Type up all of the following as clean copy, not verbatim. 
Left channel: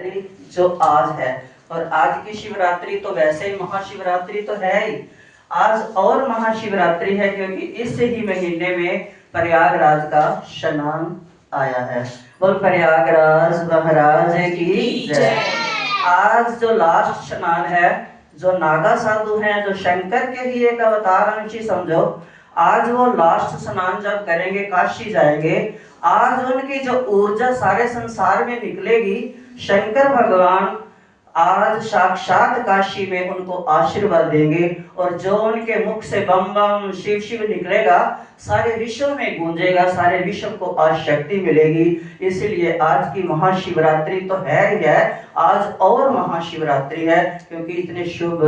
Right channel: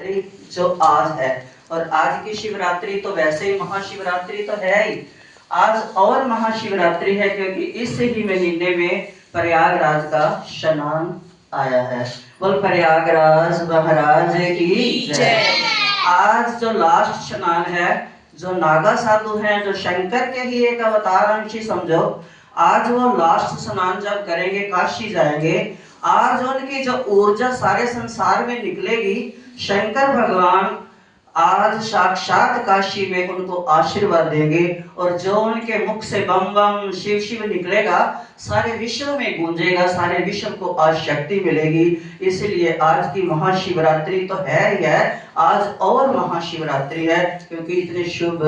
जो आज है। और आज की शिवरात्रि तो वैसे ही महाशिवरात्रि तो है ही, आज और महाशिवरात्रि है क्योंकि इस ही महीने में प्रयागराज का स्नान आया है। बोल प्रयागराज महाराज की जय। आज जो लास्ट स्नान है, जो नागा साधु हैं, जो शंकर के ही एक अवतार अंशी समझो, आज वो लास्ट स्नान जब करेंगे, काशी जाएंगे, आज उनकी जो ऊर्जा सारे संसार में निकलेगी। शंकर भगवान आज साक्षात काशी में उनको आशीर्वाद देंगे और जो उनके मुख से बम बम शिव शिव निकलेगा, सारे विश्व में गूंजेगा, सारे विश्व को आज शक्ति मिलेगी। इसलिए आज की महाशिवरात्रि तो है ही है, आज और महाशिवरात्रि है क्योंकि इतने शुभ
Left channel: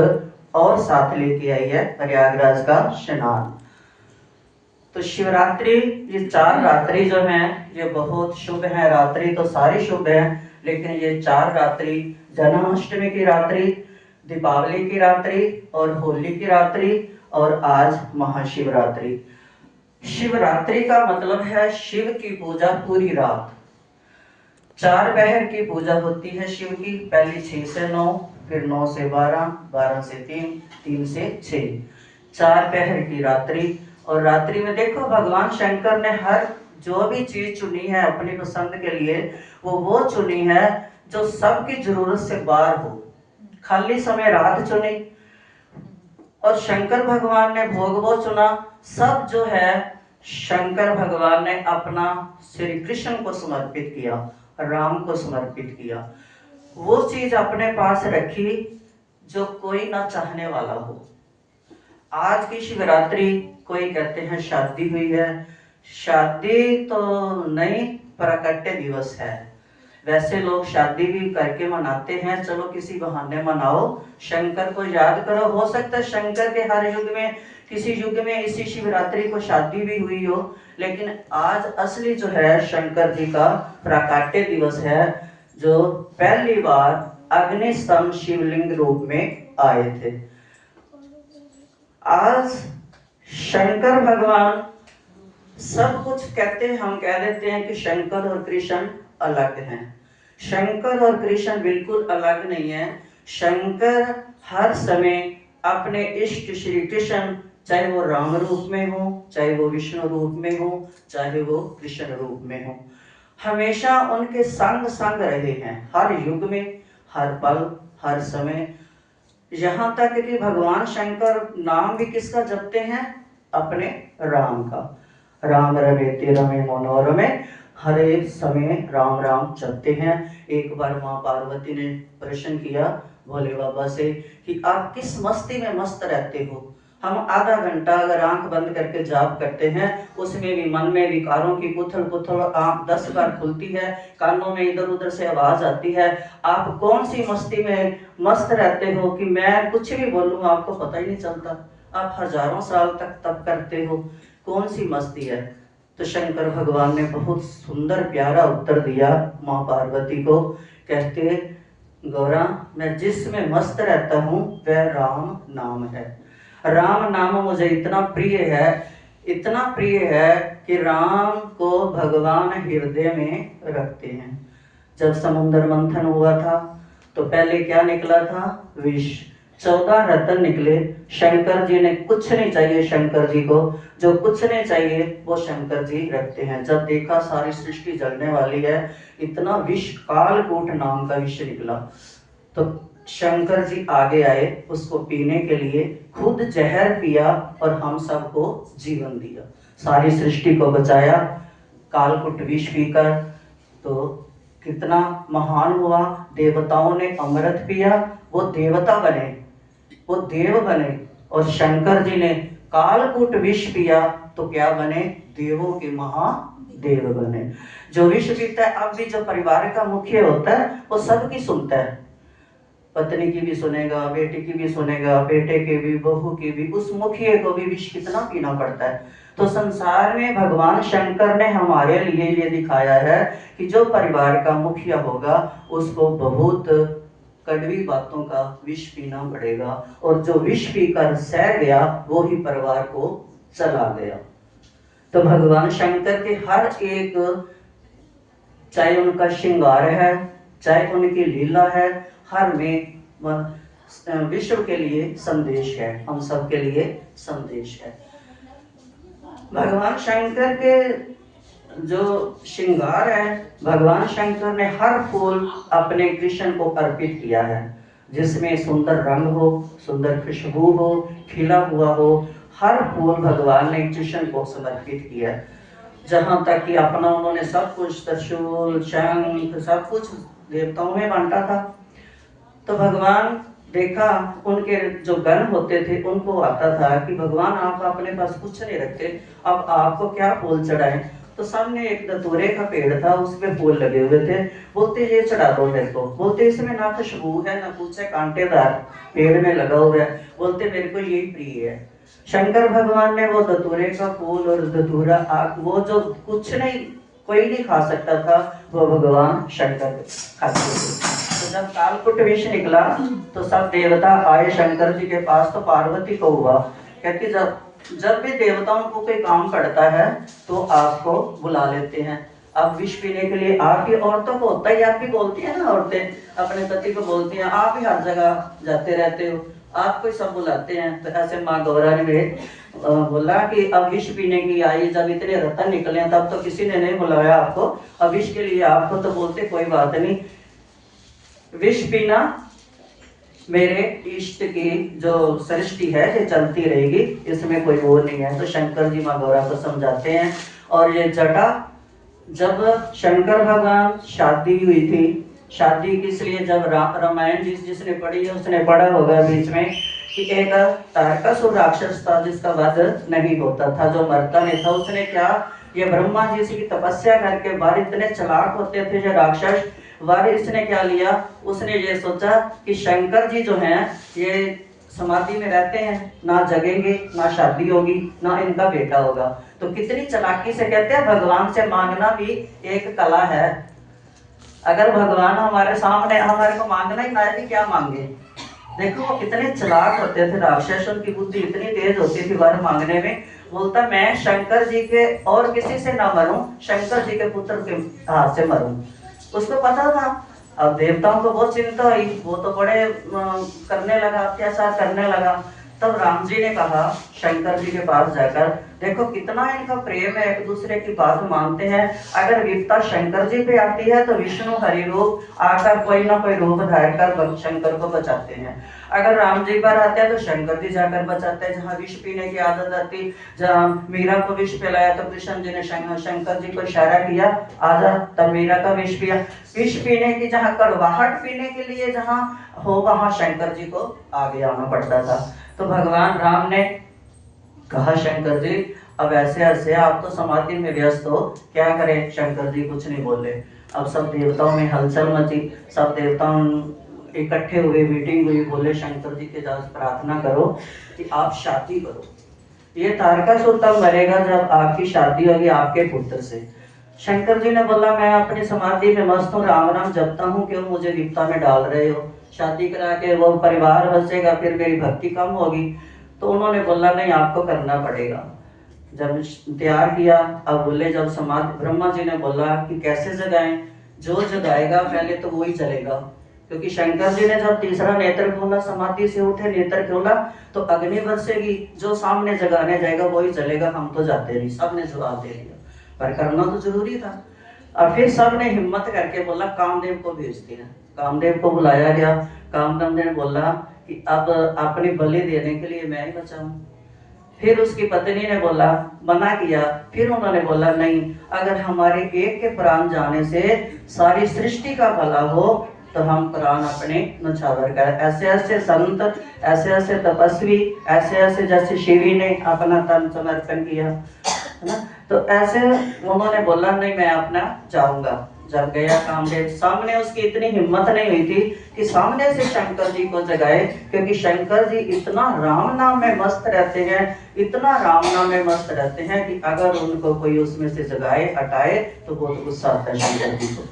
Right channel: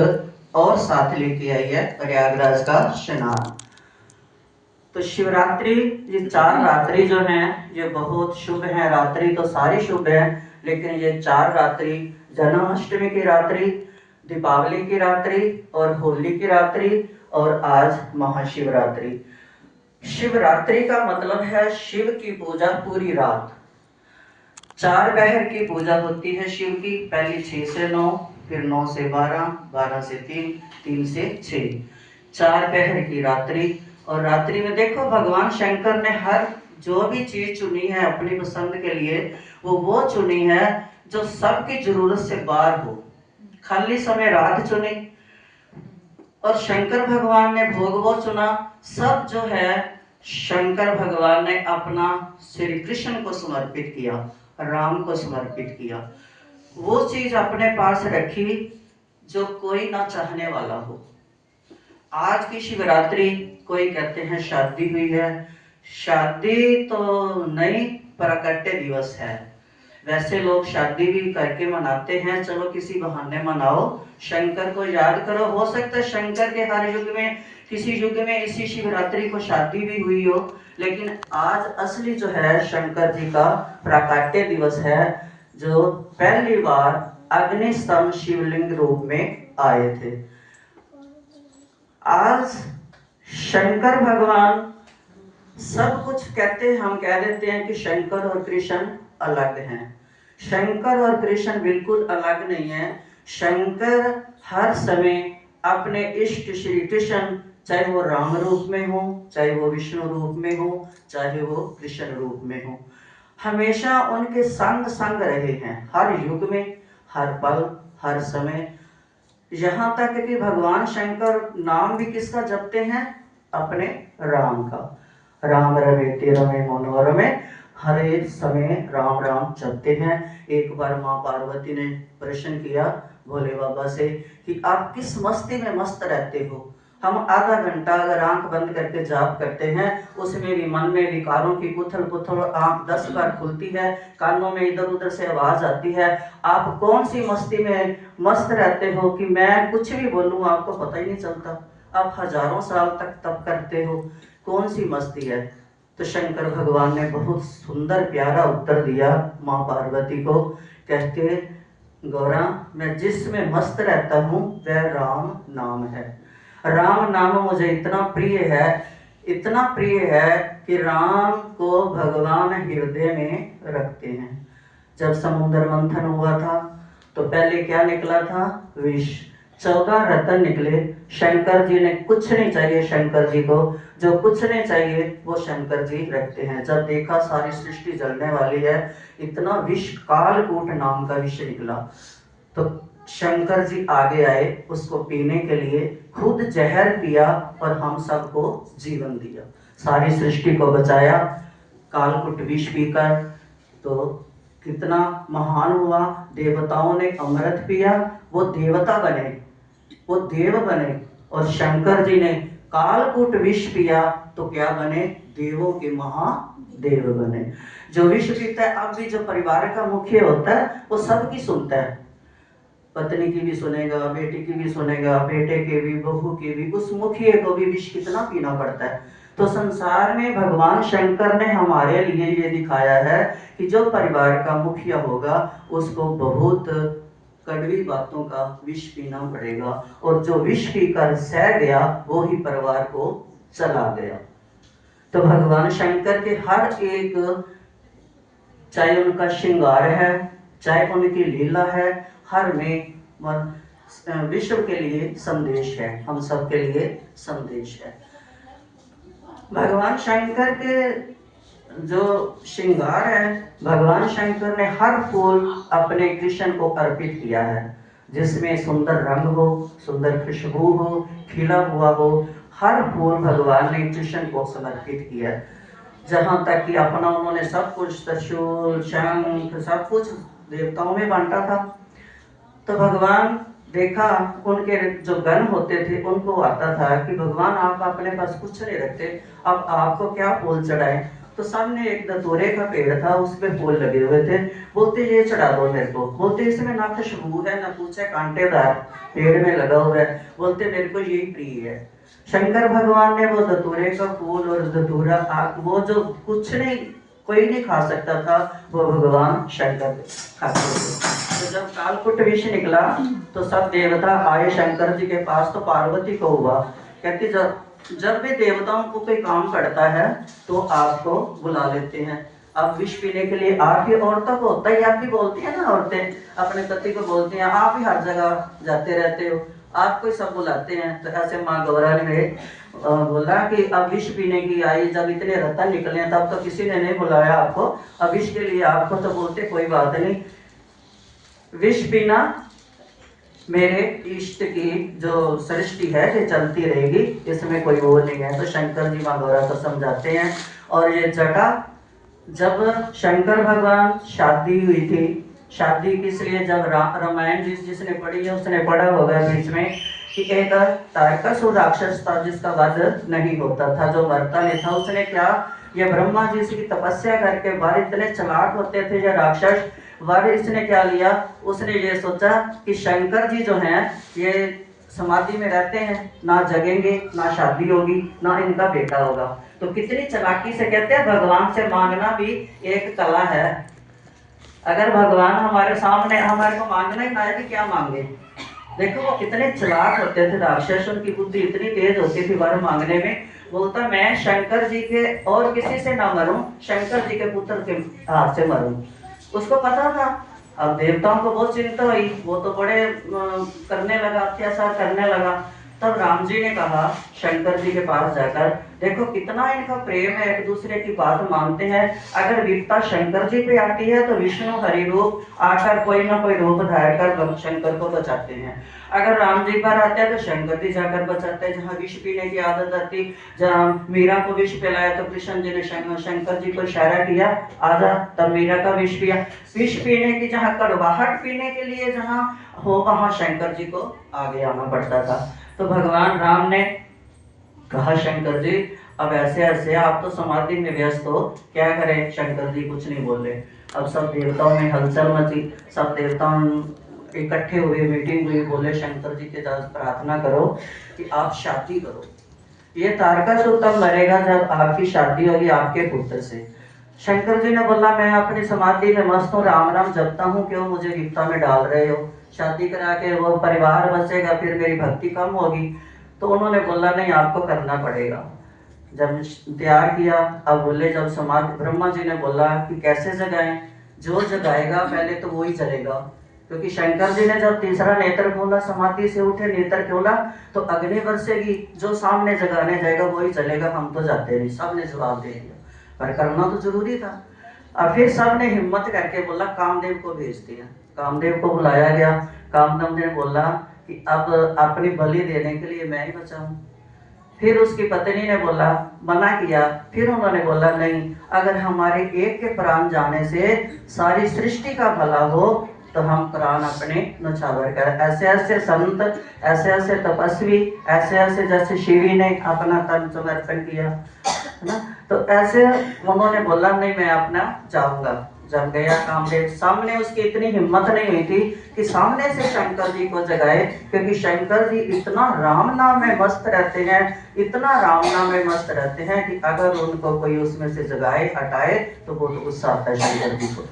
और साथ लेके आई है प्रयागराज का स्नान। तो शिवरात्रि, ये 4 रात्रि जो हैं ये बहुत शुभ है। रात्रि तो सारी शुभ है, लेकिन ये 4 रात्रि, जन्माष्टमी की रात्रि, दीपावली की रात्रि और होली की रात्रि और आज महाशिवरात्रि। शिवरात्रि का मतलब है शिव की पूजा पूरी रात। 4 पहर की पूजा होती है शिव की, पहली 6 से 9, फिर 9 से 12, 12 से 3, 3 से 6, 4 पहर की रात्रि। और रात्रि में देखो भगवान शंकर ने हर जो भी चीज चुनी है अपनी पसंद के लिए, वो चुनी है जो सबकी जरूरत से बाहर हो। खाली समय रात चुनी और शंकर भगवान ने भोग वो चुना। सब जो है शंकर भगवान ने अपना श्री कृष्ण को समर्पित किया, राम को समर्पित किया। वो चीज अपने पास रखी जो कोई ना चाहने वाला हो। आज की शिवरात्रि, कोई कहते हैं शादी हुई है, शादी तो नहीं, प्राकट्य दिवस है। वैसे लोग शादी भी करके मनाते हैं, चलो किसी बहाने मनाओ, शंकर को याद करो। हो सकता है शंकर के हर युग में, किसी युग में इसी शिवरात्रि को शादी भी हुई हो, लेकिन आज असली जो है शंकर जी का प्राकट्य दिवस है, जो पहली बार अग्निस्तंभ शिवलिंग रूप में आए थे। आज शंकर भगवान सब कुछ कहते हैं, हम कह देते हैं कि शंकर और कृष्ण अलग हैं। शंकर और कृष्ण बिल्कुल अलग नहीं है। शंकर हर समय अपने इष्ट श्री कृष्ण, चाहे वो राम रूप में हो, चाहे वो विष्णु रूप में हो, चाहे वो कृष्ण रूप में हो, हमेशा उनके संग संग रहे हैं, हर युग में, हर पल, हर समय। यहाँ तक कि भगवान शंकर नाम भी किसका जपते हैं? अपने राम का। राम रमेते रमे मनोरमे, हर एक समय राम राम जपते हैं। एक बार माँ पार्वती ने प्रश्न किया भोले बाबा से कि आप किस मस्ती में मस्त रहते हो? हम आधा घंटा अगर आंख बंद करके जाप करते हैं, उसमें भी मन में विकारों की उथल पुथल, आंख 10 बार खुलती है, कानों में इधर उधर से आवाज आती है। आप कौन सी मस्ती में मस्त रहते हो कि मैं कुछ भी बोलूं आपको पता ही नहीं चलता? आप हजारों साल तक तप करते हो, कौन सी मस्ती है? तो शंकर भगवान ने बहुत सुंदर प्यारा उत्तर दिया माँ पार्वती को, कहते गौरा, मैं जिसमें मस्त रहता हूँ वह राम नाम है। राम नाम मुझे इतना प्रिय है, इतना प्रिय है कि राम को भगवान हृदय में रखते हैं। जब समुद्र मंथन हुआ था तो पहले क्या निकला था? विष। 14 रत्न निकले। शंकर जी ने कुछ नहीं चाहिए, शंकर जी को जो कुछ नहीं चाहिए वो शंकर जी रखते हैं। जब देखा सारी सृष्टि जलने वाली है, इतना विष, कालकूट नाम का विष निकला, तो शंकर जी आगे आए उसको पीने के लिए, खुद जहर पिया और हम सबको जीवन दिया, सारी सृष्टि को बचाया कालकूट विष पीकर। तो कितना महान हुआ। देवताओं ने अमृत पिया, वो देवता बने, वो देव बने, और शंकर जी ने कालकूट विष पिया तो क्या बने? देवों के महादेव बने। जो विष पीता है, अब भी जो परिवार का मुख्य होता है वो सबकी सुनता है, पत्नी की भी सुनेगा, बेटी की भी सुनेगा, बेटे के भी, बहू की भी, उस मुखिया को भी विष कितना पीना पड़ता है। तो संसार में भगवान शंकर ने हमारे लिए ये दिखाया है कि जो परिवार का मुखिया होगा उसको बहुत कड़वी बातों का विष पीना पड़ेगा, और जो विष पीकर सह गया वो ही परिवार को चला गया। तो भगवान शंकर के हर एक, चाहे उनका श्रृंगार है, चाहे उनकी लीला है, हर में वह विश्व के लिए संदेश है, हम सब के लिए संदेश है। भगवान शंकर के जो श्रृंगार है, भगवान शंकर ने हर फूल अपने कृष्ण को अर्पित किया है, जिसमें सुंदर रंग हो, सुंदर खुशबू हो, खिला हुआ हो, हर फूल भगवान ने कृष्ण को समर्पित किया। जहाँ तक कि अपना उन्होंने सब कुछ, त्रिशूल, शंख, सब कुछ देवताओं में बांटा था। तो भगवान देखा, उनके जो गण होते थे उनको आता था कि भगवान आप अपने पास कुछ नहीं रखते, अब आपको क्या फूल चढ़ाएं। तो सामने एक धतूरे का पेड़ था, उसमें फूल लगे हुए थे। बोलते ये चढ़ा दो मेरे को। बोलते इसमें ना खुशबू है ना कुछ है, कांटेदार पेड़ में लगा हुआ है। बोलते मेरे को यही प्रिय है। शंकर भगवान ने वो धतूरे का फूल और धतूरा आग, वो जो कुछ नहीं कोई नहीं खा सकता था, वो भगवान शंकर खाते थे। तो जब कालकुट विष निकला तो सब देवता आए शंकर जी के पास। तो पार्वती को हुआ, कहती जब भी देवताओं को कोई काम पड़ता है तो आपको बुला लेते हैं। अब विष पीने के लिए आप ही, औरतों को होता है, आप भी बोलती है ना, औरतें अपने पति को बोलती हैं आप ही हर जगह जाते रहते हो, आपको ही सब बुलाते हैं। तो ऐसे माँ गौरा ने बोला कि अब विष पीने की आई, जब इतने रतन निकले तब तो किसी ने नहीं बुलाया आपको, अब विष के लिए आपको। तो बोलते कोई बात नहीं, विष पीना मेरे इष्ट की जो सृष्टि है ये चलती रहेगी, इसमें कोई वो नहीं है। तो शंकर जी माँ गौरा को समझाते हैं। और ये जटा, जब शंकर भगवान शादी हुई थी, शादी किस लिए, जब रामायण जिसने पढ़ी है उसने पढ़ा होगा बीच में कि एक तारकासुर राक्षस था जिसका वध नहीं होता था, जो मरता नहीं था। उसने क्या, ये ब्रह्मा जी की तपस्या करके बाहर इतने चालाक होते थे ये राक्षस, वर इसने क्या लिया, उसने ये सोचा कि शंकर जी जो हैं ये समाधि में रहते हैं, ना जगेंगे, ना शादी होगी, ना इनका बेटा होगा। तो कितनी चालाकी से, कहते हैं भगवान से मांगना भी एक कला है। अगर भगवान हमारे सामने, हमारे को मांगना ही ना है कि क्या मांगे। देखो वो कितने चालाक होते थे राक्षस, उनकी बुद्धि इतनी तेज होती थी वर मांगने में। बोलता मैं शंकर जी के और किसी से ना मरूं, शंकर जी के पुत्र के हाथ से मरूं। उसको पता था। अब देवताओं को बहुत चिंता हुई, वो तो बड़े करने लगा, अत्याचार करने लगा। तब राम जी ने कहा शंकर जी के पास जाकर, देखो कितना इनका प्रेम है, एक दूसरे की बात मानते हैं। अगर विपता शंकर जी पे आती है तो विष्णु हरि रूप आकर कोई ना कोई रूप धार कर शंकर को बचाते हैं। अगर राम जी पर आते हैं तो शंकर जी जाकर बचाते हैं। जहाँ विष पीने की आदत आती, जहाँ मीरा को विष पिलाया तो कृष्ण जी ने शंकर जी को इशारा किया आजा, तब मीरा का विष पिया। विष पीने की, जहाँ कड़वाहट पीने के लिए जहाँ हो, वहां शंकर जी को आगे आना पड़ता था। तो भगवान राम ने कहा शंकर जी अब ऐसे ऐसे आप तो समाधि में व्यस्त हो, क्या करें। शंकर जी कुछ नहीं बोले। अब सब देवताओं में हलचल मची, सब देवताओं इकट्ठे हुए, मीटिंग हुई। बोले शंकर जी के पास प्रार्थना करो कि आप शादी करो। ये तारकासुर तब मरेगा जब आपकी शादी होगी आपके पुत्र से। शंकर जी ने बोला मैं अपनी समाधि में मस्त हूँ, राम राम जपता हूँ, क्यों मुझे विपदा में डाल रहे हो। शादी करा के वो परिवार बचेगा, फिर मेरी भक्ति कम होगी। तो उन्होंने बोला नहीं आपको करना पड़ेगा। जब तैयार किया, अब बोले जब समाधि, ब्रह्मा जी ने बोला कि कैसे जगाएं। जो जगाएगा पहले तो वही चलेगा, क्योंकि शंकर जी ने जब तीसरा नेत्र खोला, समाधि से उठे नेत्र खोला तो अग्नि बरसेगी, जो सामने जगाने जाएगा वही चलेगा, हम तो जाते नहीं। सब ने जवाब दे दिया, पर करना तो जरूरी था। और फिर सब ने हिम्मत करके बोला कामदेव को भेज दिया। कामदेव को बुलाया गया। कामदेव ने बोला कि अब अपनी बलि देने के लिए मैं ही बचा हूँ। फिर उसकी पत्नी ने बोला, मना किया। फिर उन्होंने बोला नहीं, अगर हमारे एक के प्राण जाने से सारी सृष्टि का भला हो तो हम प्राण अपने न्यौछावर कर। ऐसे ऐसे संत, ऐसे ऐसे तपस्वी, ऐसे ऐसे जैसे शिवी ने अपना तन समर्पण किया, है ना। तो ऐसे उन्होंने बोला नहीं मैं अपना जाऊंगा। जब गया कामदेव, सामने उसकी इतनी हिम्मत नहीं हुई थी कि सामने से शंकर जी को जगाए, क्योंकि शंकर जी इतना राम नाम में मस्त रहते हैं, इतना राम नाम में मस्त रहते हैं कि अगर उनको कोई उसमें से जगाए हटाए तो बहुत गुस्सा आता है शंकर जी को।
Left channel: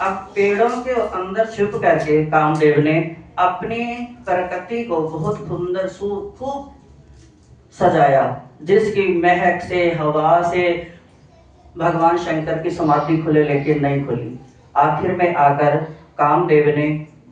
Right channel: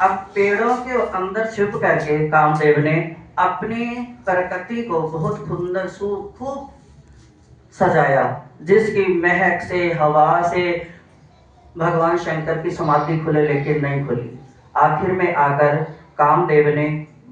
अब पेड़ों के अंदर छुप करके कामदेव ने अपनी प्रकृति को बहुत सुंदर खूब सजाया, जिसकी महक से, हवा से भगवान शंकर की समाधि खुले लेकिन नहीं खुली। आखिर में आकर कामदेव ने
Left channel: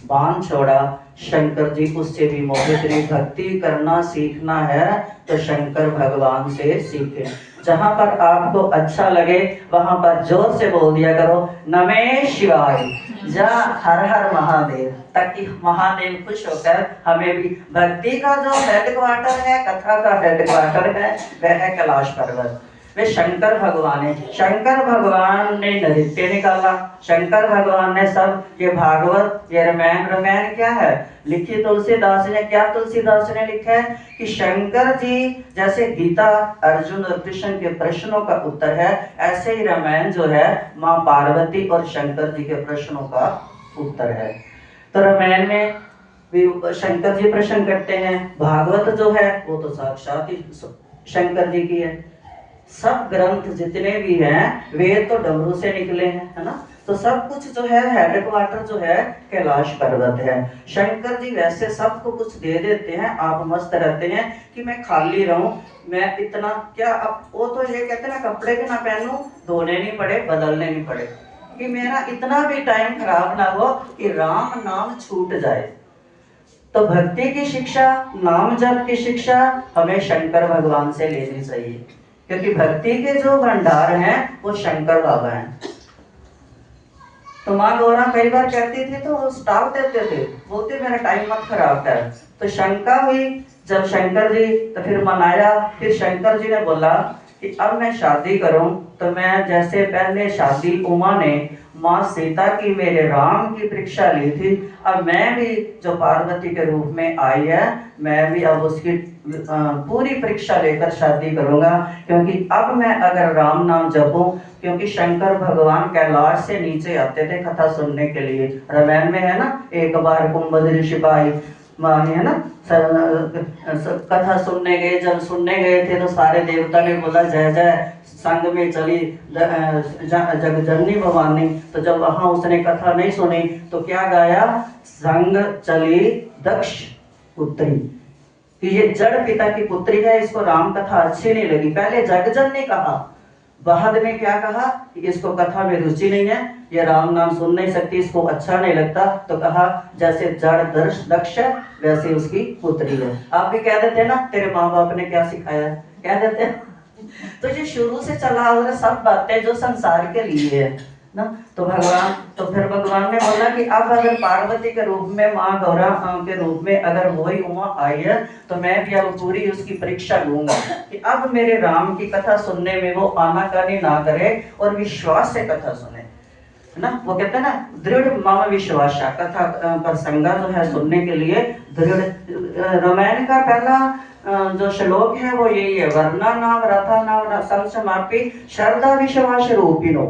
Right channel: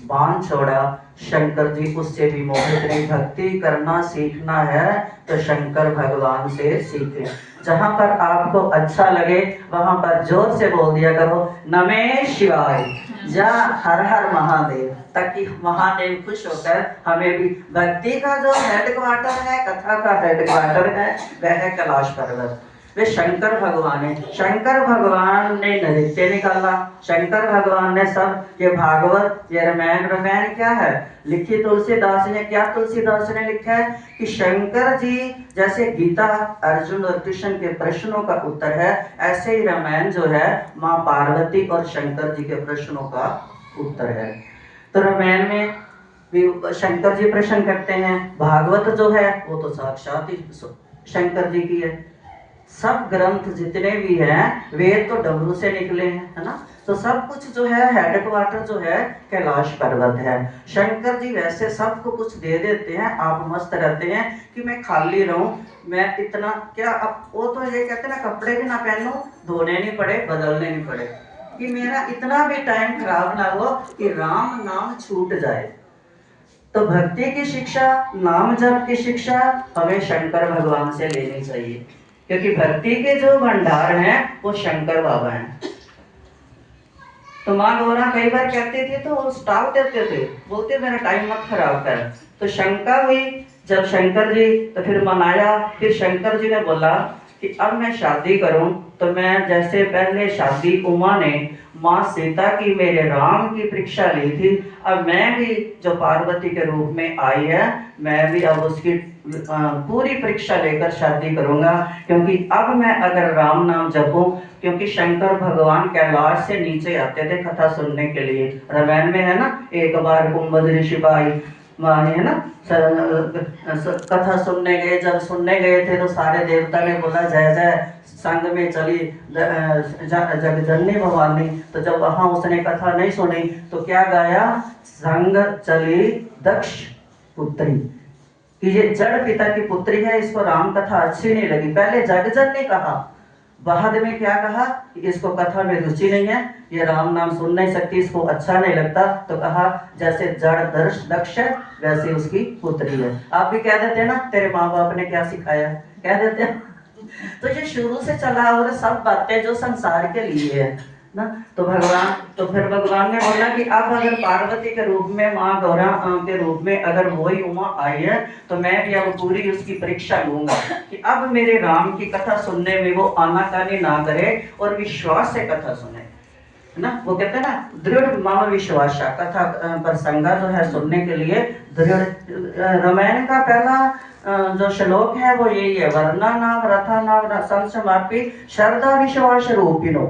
बाण छोड़ा, शंकर जी उससे भी मोहित नहीं। भक्ति करना सीखना है तो शंकर भगवान से सीखे। जहां पर आपको अच्छा लगे वहां पर जोर से बोल दिया करो नमः शिवाय, या हर हर महादेव, ताकि महादेव खुश होकर हमें भी। भक्ति का जो हेडक्वार्टर है, कथा का हेडक्वार्टर है, वह है कैलाश पर्वत। वे शंकर भगवान है। शंकर भगवान ने नृत्य निकाला, शंकर भगवान ने सब ये भागवत, ये रामायण क्या है लिखी तुलसीदास ने। क्या तुलसीदास ने लिखा है कि शंकर जी जैसे गीता अर्जुन और कृष्ण के प्रश्नों का उत्तर है, ऐसे ही रामायण जो है माँ पार्वती और शंकर जी के प्रश्नों का उत्तर है। तो रामायण में भी शंकर जी प्रश्न करते हैं, भागवत जो है वो तो साक्षात ही शंकर जी की है। सब ग्रंथ जितने भी हैं वेद तो डमरू से निकले हैं, है ना। तो सब कुछ जो है हेडक्वार्टर जो है कैलाश पर्वत है। शंकर जी वैसे सबको कुछ दे देते हैं, आप मस्त रहते हैं कि मैं खाली रहूं, मैं इतना क्या। अब वो तो ये कहते हैं ना, कपड़े भी ना पहनूं, धोने नहीं पड़े, बदलने नहीं पड़े, कि मेरा इतना भी टाइम खराब ना हो कि राम नाम छूट जाए। तो भक्ति की शिक्षा, नाम जप की शिक्षा हमें शंकर भगवान से लेनी चाहिए, क्योंकि भक्ति के जो भंडार हैं वो शंकर बाबा हैं। तो माँ गौरा कई बार कहती थी तो वो स्टॉप देते थे, बोलते मेरा टाइम मत खराब कर। तो शंका हुई जब शंकर जी, तो फिर मनाया। फिर शंकर जी ने बोला कि अब मैं शादी करूं तो मैं जैसे पहले शादी उमा ने माँ सीता की मेरे राम की परीक्षा ली थी, अब मैं भी जो पार्वती के रूप में आई है, मैं भी अब उसकी पूरी परीक्षा लेकर शादी करूंगा। क्योंकि अब मैं अगर राम नाम जपूं, क्योंकि शंकर भगवान कैलाश से नीचे आते थे कथा सुनने के लिए। रामायण में है ना, एक बार कुंभद ऋषि पाई मानी, है ना, कथा सुनने गए। जब सुनने गए थे तो सारे देवता ने बोला जय जय, संग में चली जगजननी भवानी। तो जब वहां उसने कथा नहीं सुनी तो क्या गाया, संग चली दक्ष पुत्री, कि ये जड़ पिता की पुत्री है, इसको राम कथा अच्छी नहीं लगी। पहले जगजन ने कहा, बाद में क्या कहा कि इसको कथा में रुचि नहीं है, ये राम नाम सुन नहीं सकती, इसको अच्छा नहीं लगता। तो कहा जैसे जड़ दक्ष है वैसे उसकी पुत्री है। आप भी कह देते हैं ना, तेरे माँ बाप ने क्या सिखाया, कह देते हैं। तो ये शुरू से चला आ रहा सब बातें जो संसार के लिए है ना। तो फिर भगवान ने बोला कि अब अगर पार्वती के रूप में, माँ गौरा के रूप में अगर वही उमा आई है, तो मैं भी अब पूरी उसकी परीक्षा लूंगा कि अब मेरे राम की कथा सुनने में वो आनाकानी ना करे और विश्वास से कथा सुने ना। वो कहते हैं ना, दृढ़ माम विश्वास, कथा प्रसंगा जो है सुनने के लिए दृढ़। रामायण का पहला जो श्लोक है वो यही है, वर्णा नाम रथा नाम संसमापी श्रद्धा विश्वास रूपिणो,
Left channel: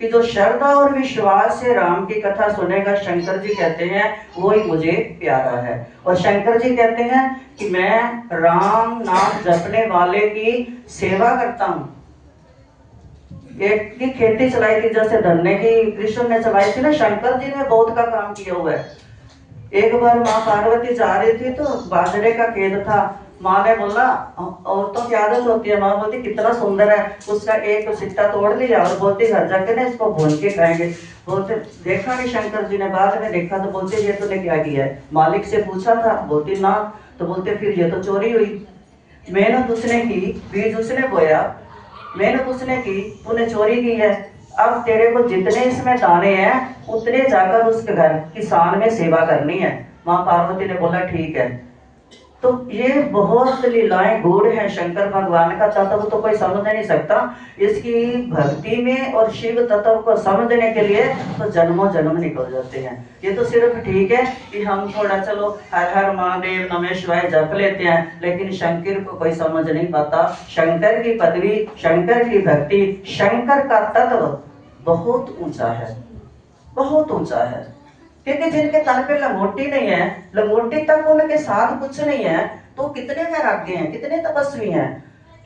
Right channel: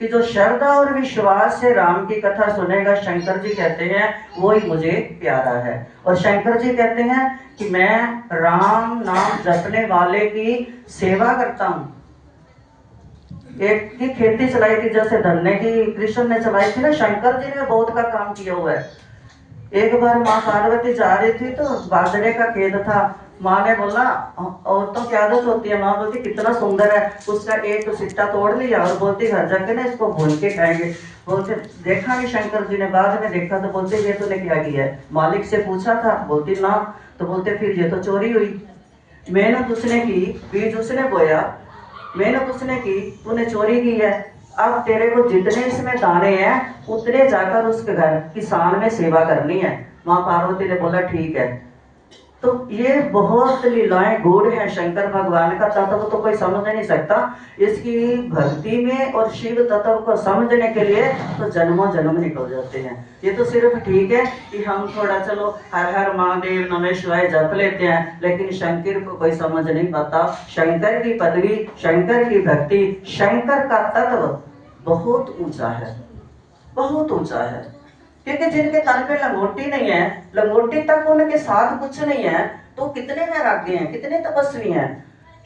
कि जो श्रद्धा और विश्वास से राम की कथा सुनेगा, शंकर जी कहते हैं वो ही मुझे प्यारा है। और शंकर जी कहते हैं कि मैं राम नाम जपने वाले की सेवा करता हूँ। एक की खेती चलाई थी, जैसे धन्य की कृष्ण ने चलाई थी ना, शंकर जी ने बहुत का काम किया हुआ है। एक बार माँ पार्वती जा रही थी तो बाजरे का खेत था, माँ ने बोला, औरतों की आदत होती है, माँ बोलती कितना सुंदर है, उसका एक सिट्टा तोड़ लिया और बोलती घर जाके ना इसको भून के खाएंगे। बोलते देखा कि शंकर जी ने, बाद में देखा तो बोलते ये तूने क्या किया है, मालिक से पूछा था, बोलती ना। तो बोलते फिर ये तो चोरी हुई, मेहनत उसने की, बीज उसने बोया, मेहनत उसने की, तूने चोरी की है। अब तेरे को जितने इसमें दाने हैं उतने जाकर उसके घर किसान में सेवा करनी है। माँ पार्वती ने बोला ठीक है। तो ये बहुत लीलाएं गूढ़ हैं शंकर भगवान का तत्व तो कोई समझ नहीं सकता। इसकी भक्ति में और शिव तत्व को समझने के लिए तो जन्मों जन्म निकल जाते हैं। ये तो सिर्फ ठीक है कि हम थोड़ा चलो हर हर महादेव नमः शिवाय जप लेते हैं, लेकिन शंकर को कोई समझ नहीं पाता। शंकर की पदवी, शंकर की भक्ति, शंकर का तत्व बहुत ऊंचा है, बहुत ऊंचा है। क्योंकि जिनके तन पे लंगोटी नहीं है, लंगोटी तक उनके साथ कुछ नहीं है, तो कितने वैराग्य हैं, कितने तपस्वी हैं,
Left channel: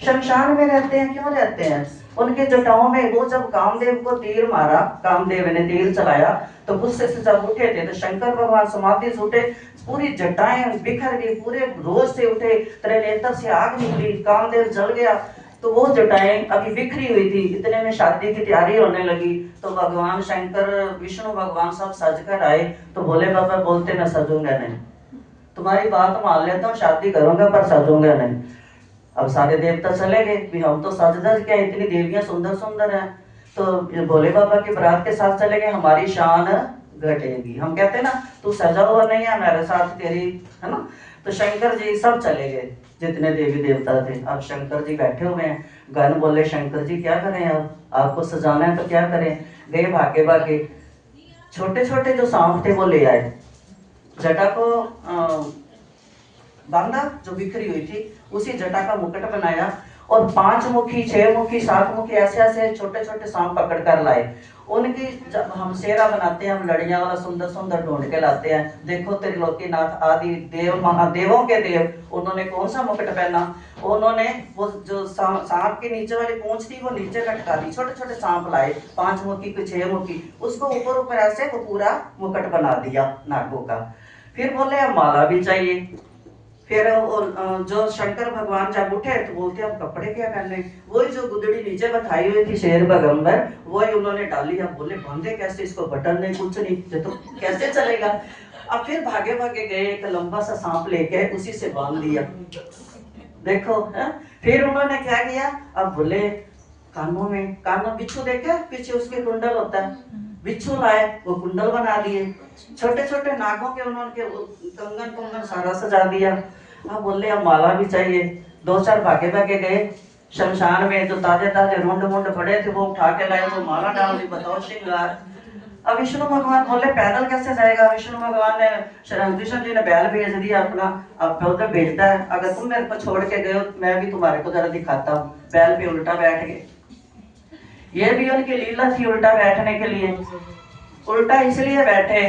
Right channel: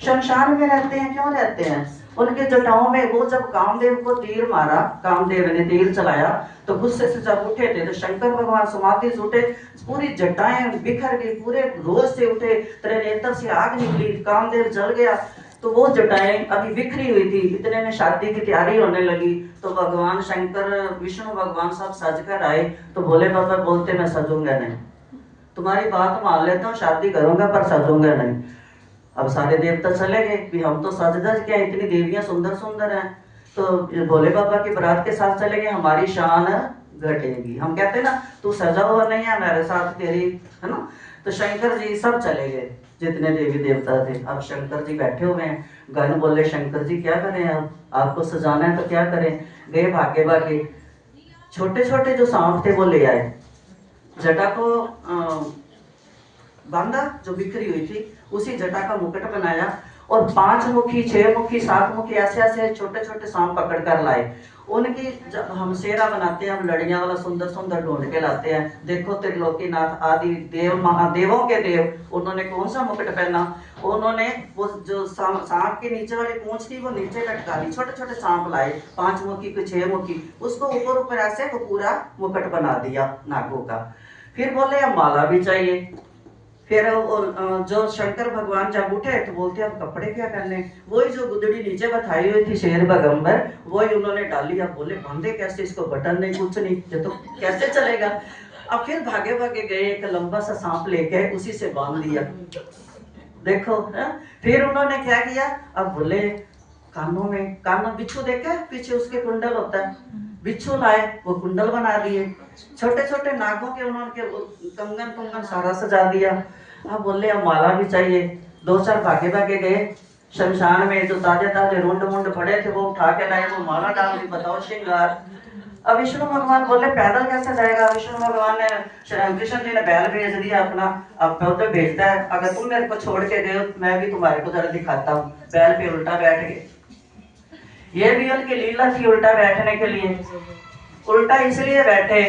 शमशान में रहते हैं, क्यों रहते हैं? उनके जटाओं में वो जब कामदेव को तीर मारा, कामदेव ने तीर चलाया, तो गुस्से से जब उठे थे तो शंकर भगवान समाधि से उठे, पूरी जटाएं बिखर गई, पूरे रोज से उठे, त्रिनेत्र से आग निकली, कामदेव जल गया। तो वो जटाएं अभी बिखरी हुई थी, इतने में शादी की तैयारी होने लगी। तो भगवान शंकर विष्णु भगवान सब सज कर आए। तो भोले बाबा बोलते मैं सजूंगा नहीं, तुम्हारी बात मान लेता हूँ, शादी करूंगा पर सजूंगा नहीं। अब सारे देवता चले गए कि हम तो सज धज के, इतनी देवियां सुंदर सुंदर हैं। तो ये भोले बाबा की बारात के साथ चले गए, हमारी शान घटेगी। हम कहते हैं ना तू सजा हुआ नहीं है हमारे साथ तेरी, है ना। तो शंकर जी सब चले गए, जितने देवी देवता थे। अब शंकर जी बैठे हुए हैं, गण बोले शंकर जी क्या करें, अब आपको सजाना है तो क्या करें। गए भागे भागे, छोटे छोटे जो सांप थे वो ले आए, जटा को बांधा जो बिखरी हुई थी, उसी जटा का मुकुट बनाया और 5 मुखी 6 मुखी 7 मुखी ऐसे ऐसे छोटे छोटे सांप पकड़ कर लाए। उनकी जब हम सेरा बनाते हैं, हम लड़ियां वाला सुंदर सुंदर ढूंढ के लाते हैं। देखो त्रिलोकीनाथ आदि देव महादेवों के देव, उन्होंने कौन सा मुकुट पहना, उन्होंने वो जो सांप के नीचे वाली पूंछ थी वो नीचे लटका दी, छोटे छोटे सांप लाए 5 मुखी के 6 मुखी, उसको ऊपर ऊपर ऐसे वो पूरा मुकुट बना दिया नागों का। फिर बोले अब माला भी चाहिए। फिर जो शंकर भगवान जब उठे तो बोलते अब कपड़े क्या करने, वही जो गुदड़ी नीचे बैठाई हुई थी शेर बगंबर, वही उन्होंने डाली। अब बोले बांधे कैसे, इसको बटन नहीं कुछ नहीं, ये तो कैसे चलेगा। अब फिर भागे भागे गए, एक लंबा सा सांप लेके उसी से बांध दिया। देखो है? फिर उन्होंने क्या किया, अब बोले कानों में, कानों बिच्छू देखे पीछे उसके कुंडल होता है, बिच्छू लाए वो कुंडल बना दिए। छोटे छोटे नागों के उन्होंने कंगन कंगन सारा सजा दिया। अब बोले अब माला भी चाहिए। 2-4 भागे भागे गए शमशान में, जो ताजे ताजे रुंड मुंड पड़े थे वो उठा के लाए, वो माला डाल दी, बताओ श्रृंगार। अब विष्णु भगवान बोले पैदल कैसे जाएगा। विष्णु भगवान ने, कृष्ण जी ने बैल भेज दिया अपना, अब पैदल भेजता है, अगर तुम मेरे को छोड़ के गए मैं भी तुम्हारे को जरा दिखाता हूँ। बैल पे उल्टा बैठ गए, ये भी उनकी लीला थी उल्टा बैठने के लिए। उल्टा इसलिए बैठे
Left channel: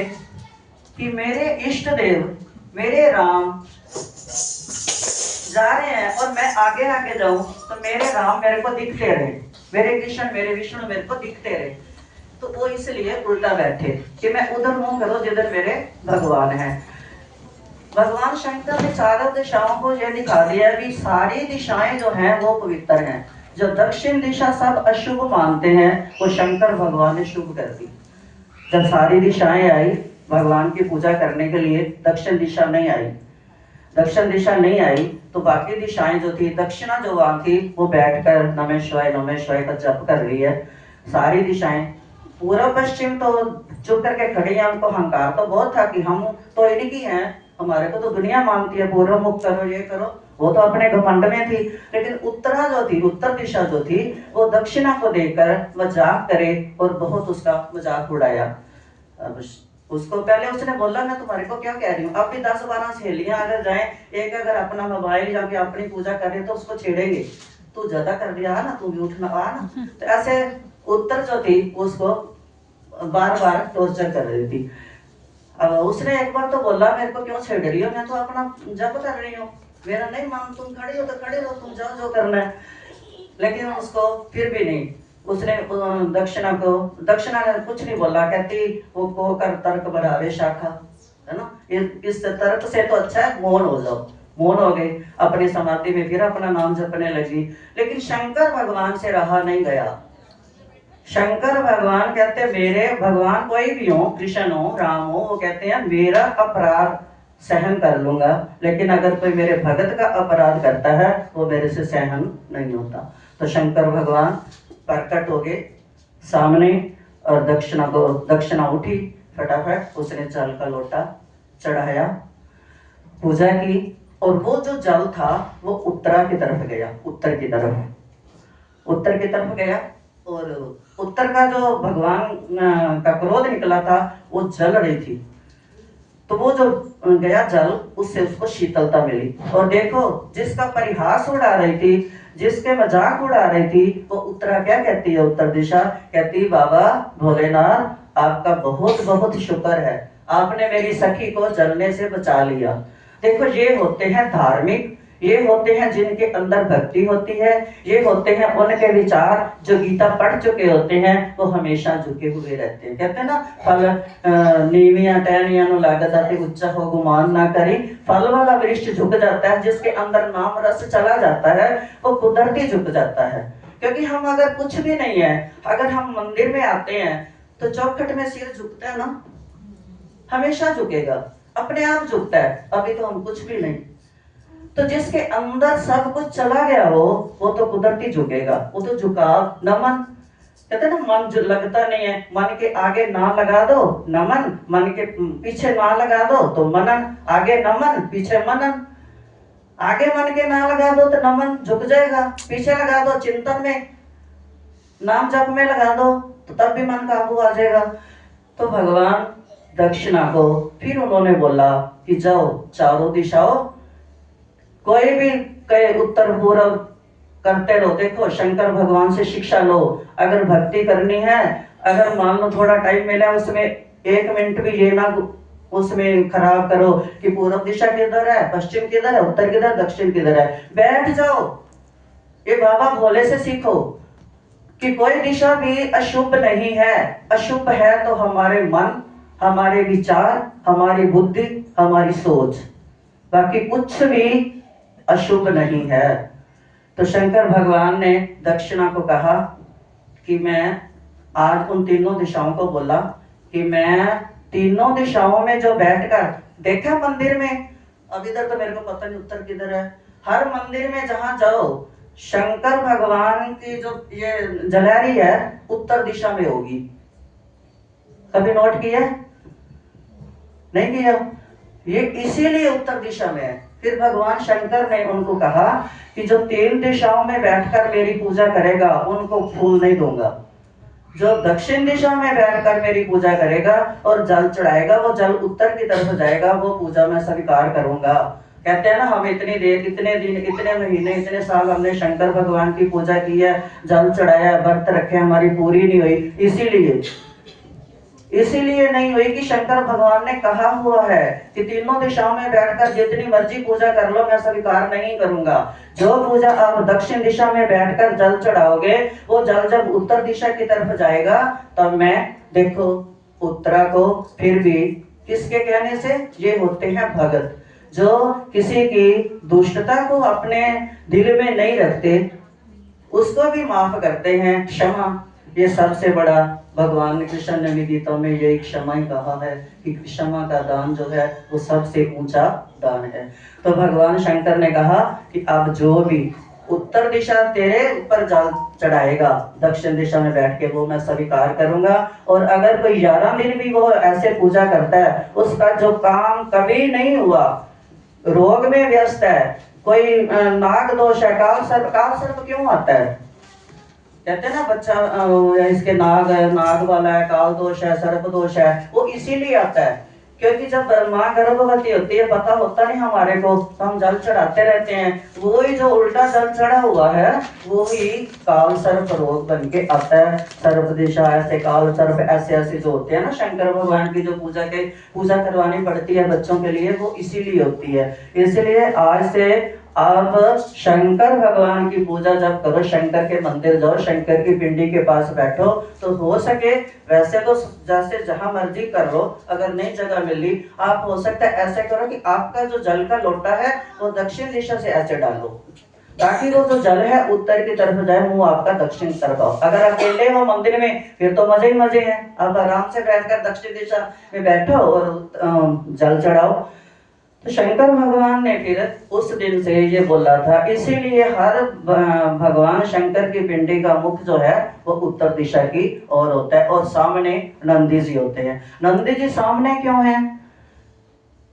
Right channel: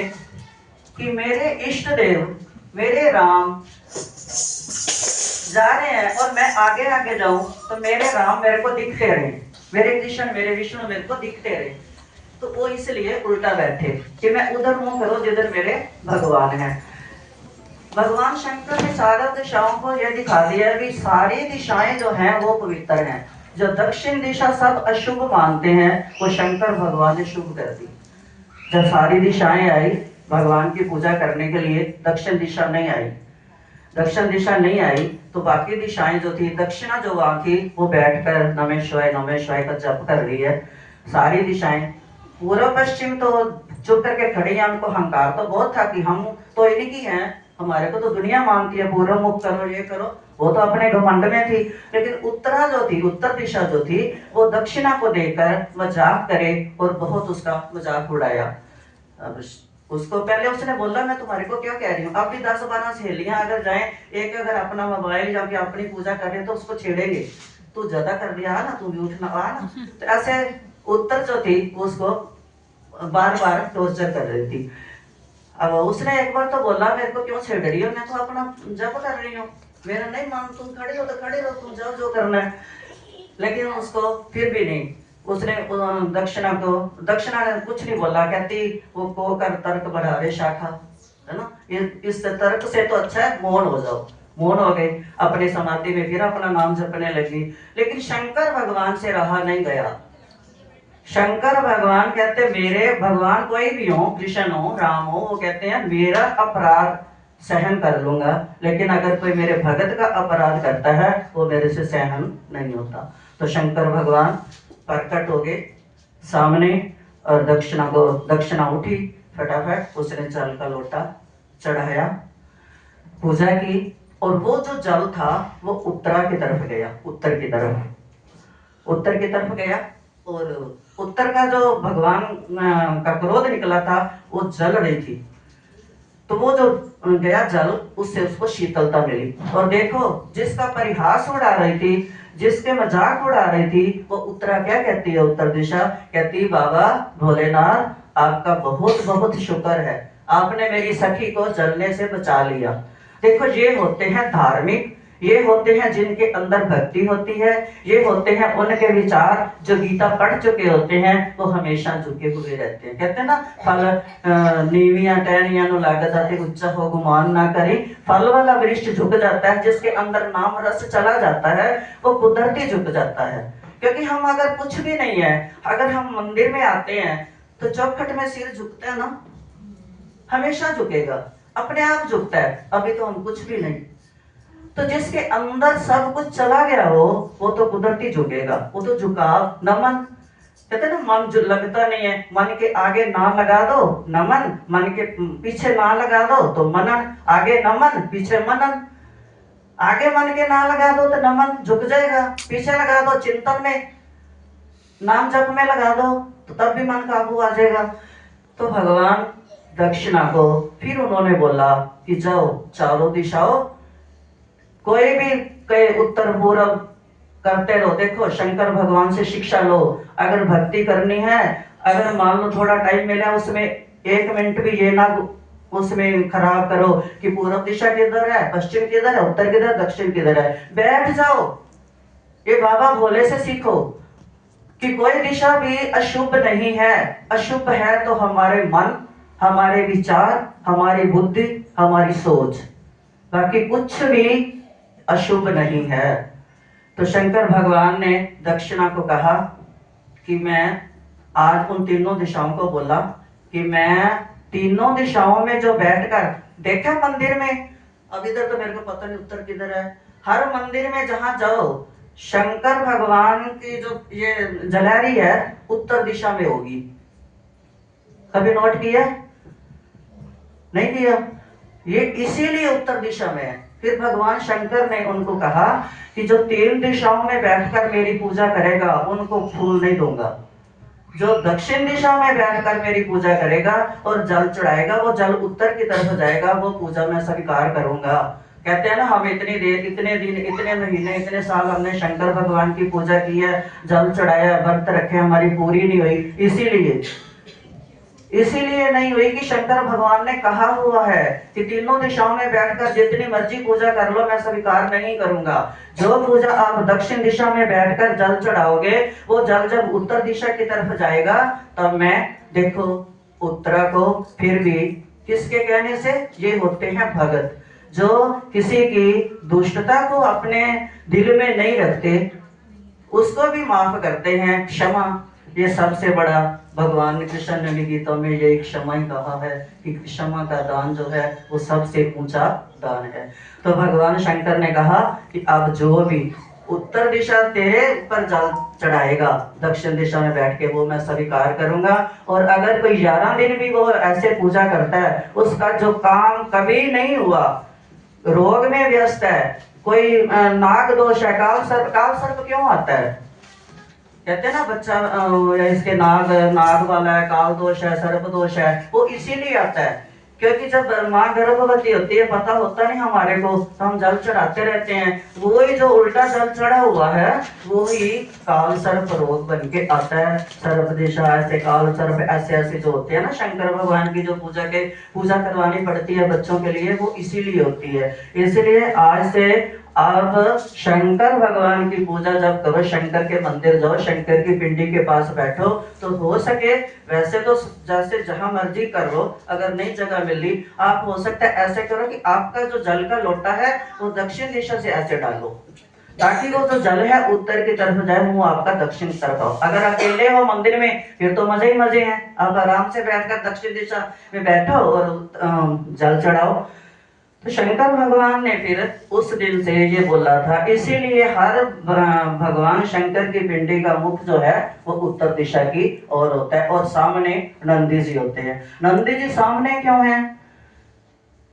कि मेरे इष्ट देव मेरे राम जा रहे हैं और मैं आगे आगे जाऊं तो मेरे राम मेरे को दिखते रहे, मेरे कृष्ण मेरे विष्णु मेरे को दिखते रहे। तो वो इसलिए उल्टा बैठे कि मैं उधर मुंह करो जिधर मेरे भगवान हैं। भगवान शंकर ने चारों दिशाओं को यह दिखा दिया कि सारी दिशाएं जो हैं वो पवित्र हैं। जो दक्षिण दिशा सब अशुभ मानते हैं वो शंकर भगवान ने शुभ कर दी। जब सारी दिशाएं आई भगवान की पूजा करने के लिए, दक्षिण दिशा नहीं आई। दक्षिण दिशा नहीं आई तो बाकी दिशाएं जो थी, दक्षिणा जो वहां थी वो बैठकर नमः शिवाय का जप कर रही है। सारी दिशाएं, पूर्व पश्चिम तो चुप करके खड़ी है, उनको अहंकार तो बहुत था कि हम तो इन्हीं की हैं, हमारे को तो दुनिया मानती है, पूर्व मुख करो ये करो, वो तो अपने घमंड में थी। लेकिन उत्तरा जो थी, उत्तर दिशा जो थी, वो दक्षिणा को देखकर मजाक करे और बहुत उसका मजाक उड़ाया। अब उसको पहले उसने बोला मैं तुम्हारे को क्या कह रही हूँ, अब भी 10-12 सहेलियां अगर जाएं, एक अगर अपना मोबाइल या अपनी पूजा करे तो उसको छेड़ेंगे, तू ज्यादा कर दिया ना, तू भी उठना आ ना। तो ऐसे उत्तर जो थी उसको बार बार टॉर्चर कर रही थी। अब उसने एक बार तो बोला मेरे को क्यों छेड़ रही हो, मैं तो अपना जप कर रही हूँ, मेरा नहीं मान, तुम खड़े हो तो खड़े हो, तुम जाओ जो करना है। लेकिन उसको फिर भी नहीं, उसने दक्षिणा ने कुछ नहीं बोला, कहती वो को कर तर्क बढ़ावे शाखा, है ना, इस तर्क से तो अच्छा है मौन हो जाओ। मौन हो गई, अपनी समाधि में फिर अपना नाम जपने लगी। लेकिन शंकर भगवान से रहा नहीं गया। शंकर भगवान कहते मेरे भगवान कोई भी हो, कृष्ण हो राम हो, वो कहते हैं मेरा अपराध सहन कर लूंगा, लेकिन अगर कोई मेरे भगत का अपराध करता है वो मेरे से सहन नहीं होता। तो शंकर भगवान प्रकट हो गए सामने और दक्षिणा उठी, फटाफट उसने जल का लोटा चढ़ाया, पूजा की, और वो जो जल था वो उत्तरा की तरफ गया, उत्तर की तरफ गया। और उत्तर का जो भगवान का क्रोध निकला था वो जल रही थी, तो वो जो गया जल उससे उसको शीतलता मिली। और देखो जिसका परिहास उड़ा रही थी, जिसके मजाक उड़ा रही थी, वो उत्तरा क्या कहती है, उत्तर दिशा कहती बाबा भोलेनाथ आपका बहुत बहुत शुक्र है, आपने मेरी सखी को जलने से बचा लिया। देखो ये होते हैं धार्मिक, ये होते हैं जिनके अंदर भक्ति होती है, ये होते हैं उनके विचार जो गीता पढ़ चुके होते हैं, वो हमेशा झुके हुए रहते हैं। कहते हैं ना, फल नीवियां टहनियां नु लागत आती उच्चा हो गुमान ना करी। फल वाला वृक्ष झुक जाता है, जिसके अंदर नाम रस चला जाता है वो कुदरती झुक जाता है। क्योंकि हम अगर कुछ भी नहीं है, अगर हम मंदिर में आते हैं तो चौखट में सिर झुकता है ना, हमेशा झुकेगा, अपने आप झुकता है। अभी तो हम कुछ भी नहीं, तो जिसके अंदर सब कुछ चला गया हो वो तो कुदरती झुकेगा, वो तो झुकाव नमन। कहते ना, मन जो लगता नहीं है, मन के आगे ना लगा दो नमन, मन के पीछे ना लगा दो तो मनन, आगे नमन पीछे मनन। आगे मन के ना लगा दो तो नमन झुक जाएगा, पीछे लगा दो चिंतन में, नाम जप में लगा दो तो तब भी मन काबू आ जाएगा। तो भगवान दक्षिणा को फिर उन्होंने बोला कि जाओ चारों दिशाओं, कोई भी कहे उत्तर पूर्व करते रहो। देखो शंकर भगवान से शिक्षा लो, अगर भक्ति करनी है, अगर मान लो थोड़ा टाइम मिला उसमें 1 मिनट भी ये ना उसमें खराब करो कि पूर्व दिशा किधर है, पश्चिम किधर है, उत्तर किधर, दक्षिण किधर है। बैठ जाओ, ये बाबा भोले से सीखो कि कोई दिशा भी अशुभ नहीं है। अशुभ है तो हमारे मन, हमारे विचार, हमारी बुद्धि, हमारी सोच, बाकी कुछ भी अशुभ नहीं है। तो शंकर भगवान ने दक्षिणा को कहा कि मैं आज उन तीनों दिशाओं को बोला कि मैं तीनों दिशाओं में जो बैठकर देखा मंदिर में, अब इधर तो मेरे को पता नहीं उत्तर किधर है, हर मंदिर में जहां जाओ शंकर भगवान की जो ये जलहरी है उत्तर दिशा में होगी। कभी नोट किया? नहीं किया? ये इसीलिए उत्तर दिशा में है। फिर भगवान शंकर ने उनको कहा कि जो 3 दिशाओं में बैठकर मेरी पूजा करेगा उनको फूल नहीं दूंगा, जो दक्षिण दिशा में बैठकर मेरी पूजा करेगा और जल चढ़ाएगा वो जल उत्तर की तरफ जाएगा, वो पूजा मैं स्वीकार करूंगा। कहते हैं ना, हम इतनी देर, इतने दिन, इतने महीने, इतने साल हमने शंकर भगवान की पूजा की है, जल चढ़ाया, व्रत रखे, हमारी पूरी नहीं हुई। इसीलिए नहीं हुई कि शंकर भगवान ने कहा हुआ है कि तीनों दिशाओं में बैठकर जितनी मर्जी पूजा कर लो मैं स्वीकार नहीं करूंगा। जो पूजा आप दक्षिण दिशा में बैठकर जल चढ़ाओगे वो जल जब उत्तर दिशा की तरफ जाएगा तब मैं देखो उत्तरा को फिर भी किसके कहने से, ये होते हैं भगत जो किसी की दुष्टता को अपने दिल में नहीं रखते, उसको भी माफ करते हैं। क्षमा, ये सबसे बड़ा, भगवान कृष्ण ने भी गीता में ये क्षमा ही कहा है कि क्षमा का दान जो है वो सबसे ऊंचा दान है। तो भगवान शंकर ने कहा कि अब जो भी उत्तर दिशा तेरे ऊपर जल चढ़ाएगा दक्षिण दिशा में बैठ के वो मैं स्वीकार करूंगा। और अगर कोई 11 दिन भी वो ऐसे पूजा करता है, उसका जो काम कभी नहीं हुआ, रोग में व्यस्त है, कोई नाग दोष है, काल सर्प क्यों आता है? कहते हैं ना बच्चा इसके नाग वाला है, काल दोष है, सर्प दोष है, वो इसीलिए आता है क्योंकि जब माँ गर्भवती होती है पता होता नहीं हमारे को, तो हम जल चढ़ाते रहते हैं, वही जो उल्टा जल चढ़ा हुआ है वही काल सर्प रोग बन के आता है। सर्प दिशा ऐसे, काल सर्प ऐसे ऐसे जो होते हैं ना, शंकर भगवान की जो पूजा करवानी पड़ती है बच्चों के लिए, वो इसीलिए होती है। इसलिए आज से अब शंकर भगवान की पूजा जब करो, शंकर के मंदिर जाओ, शंकर की पिंडी के पास बैठो, तो हो सके वैसे तो जैसे जहां मर्जी कर लो, अगर नई जगह मिली आप हो सकता है ऐसे करो कि आपका जो जल का लोटा है वो दक्षिण दिशा से ऐसे डालो ताकि वो जो जल है उत्तर की तरफ जाए, मुंह आपका दक्षिण तरफ आओ। अगर अकेले हो मंदिर में फिर तो मजे ही मजे हैं, आप आराम से बैठकर दक्षिण दिशा में बैठो और जल चढ़ाओ। तो शंकर भगवान ने फिर उस दिन से ये बोला था, इसीलिए हर भगवान शंकर की पिंडी का मुख जो है वो उत्तर दिशा की ओर होता है और सामने नंदी जी होते हैं। नंदी जी सामने क्यों है?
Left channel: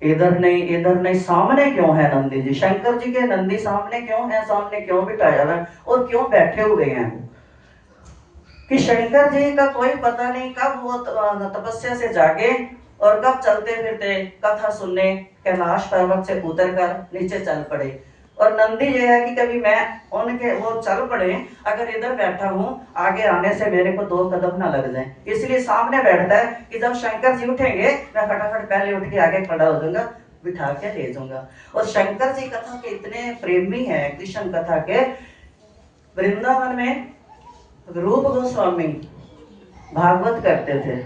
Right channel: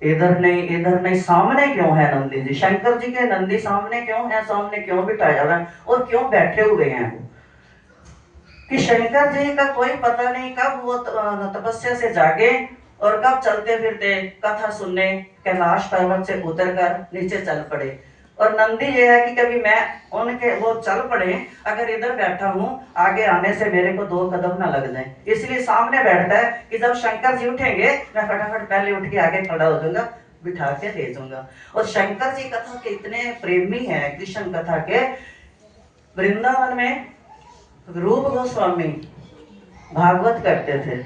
इधर नहीं, सामने क्यों है नंदी जी? शंकर जी के नंदी सामने क्यों है? सामने क्यों बिठाया है और क्यों बैठे हुए हैं? कि शंकर जी का कोई पता नहीं कब वो तपस्या से जागे और कब चलते फिरते कथा सुनने कैलाश पर्वत से उतर कर नीचे चल पड़े। और नंदी ये है कि कभी मैं उनके वो चल पड़े, अगर इधर बैठा हूँ आगे आने से मेरे को 2 कदम ना लग जाए, इसलिए सामने बैठता है कि जब शंकर जी उठेंगे मैं फटाफट पहले उठ के आगे खड़ा हो जाऊंगा, बिठा के ले जाऊंगा। और शंकर जी कथा के इतने प्रेमी हैं, कृष्ण कथा के। वृंदावन में रूप गोस्वामी भागवत करते थे,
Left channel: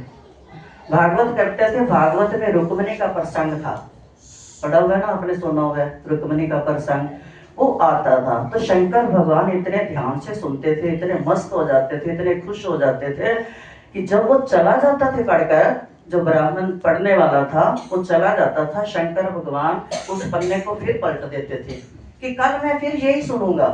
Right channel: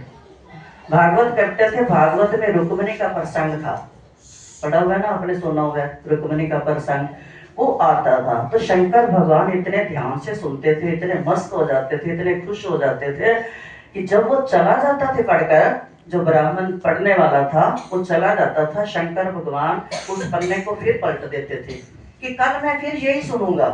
भागवत में रुक्मिणी का प्रसंग था, पढ़ा हुआ है ना आपने, सुना हुआ है रुक्मिणी का प्रसंग, वो आता था। तो शंकर भगवान इतने ध्यान से सुनते थे, इतने मस्त हो जाते थे, इतने खुश हो जाते थे कि जब वो चला जाता था पढ़कर, जो ब्राह्मण पढ़ने वाला था वो चला जाता था, शंकर भगवान उस पन्ने को फिर पलट देते थे कि कल मैं फिर यही सुनूंगा।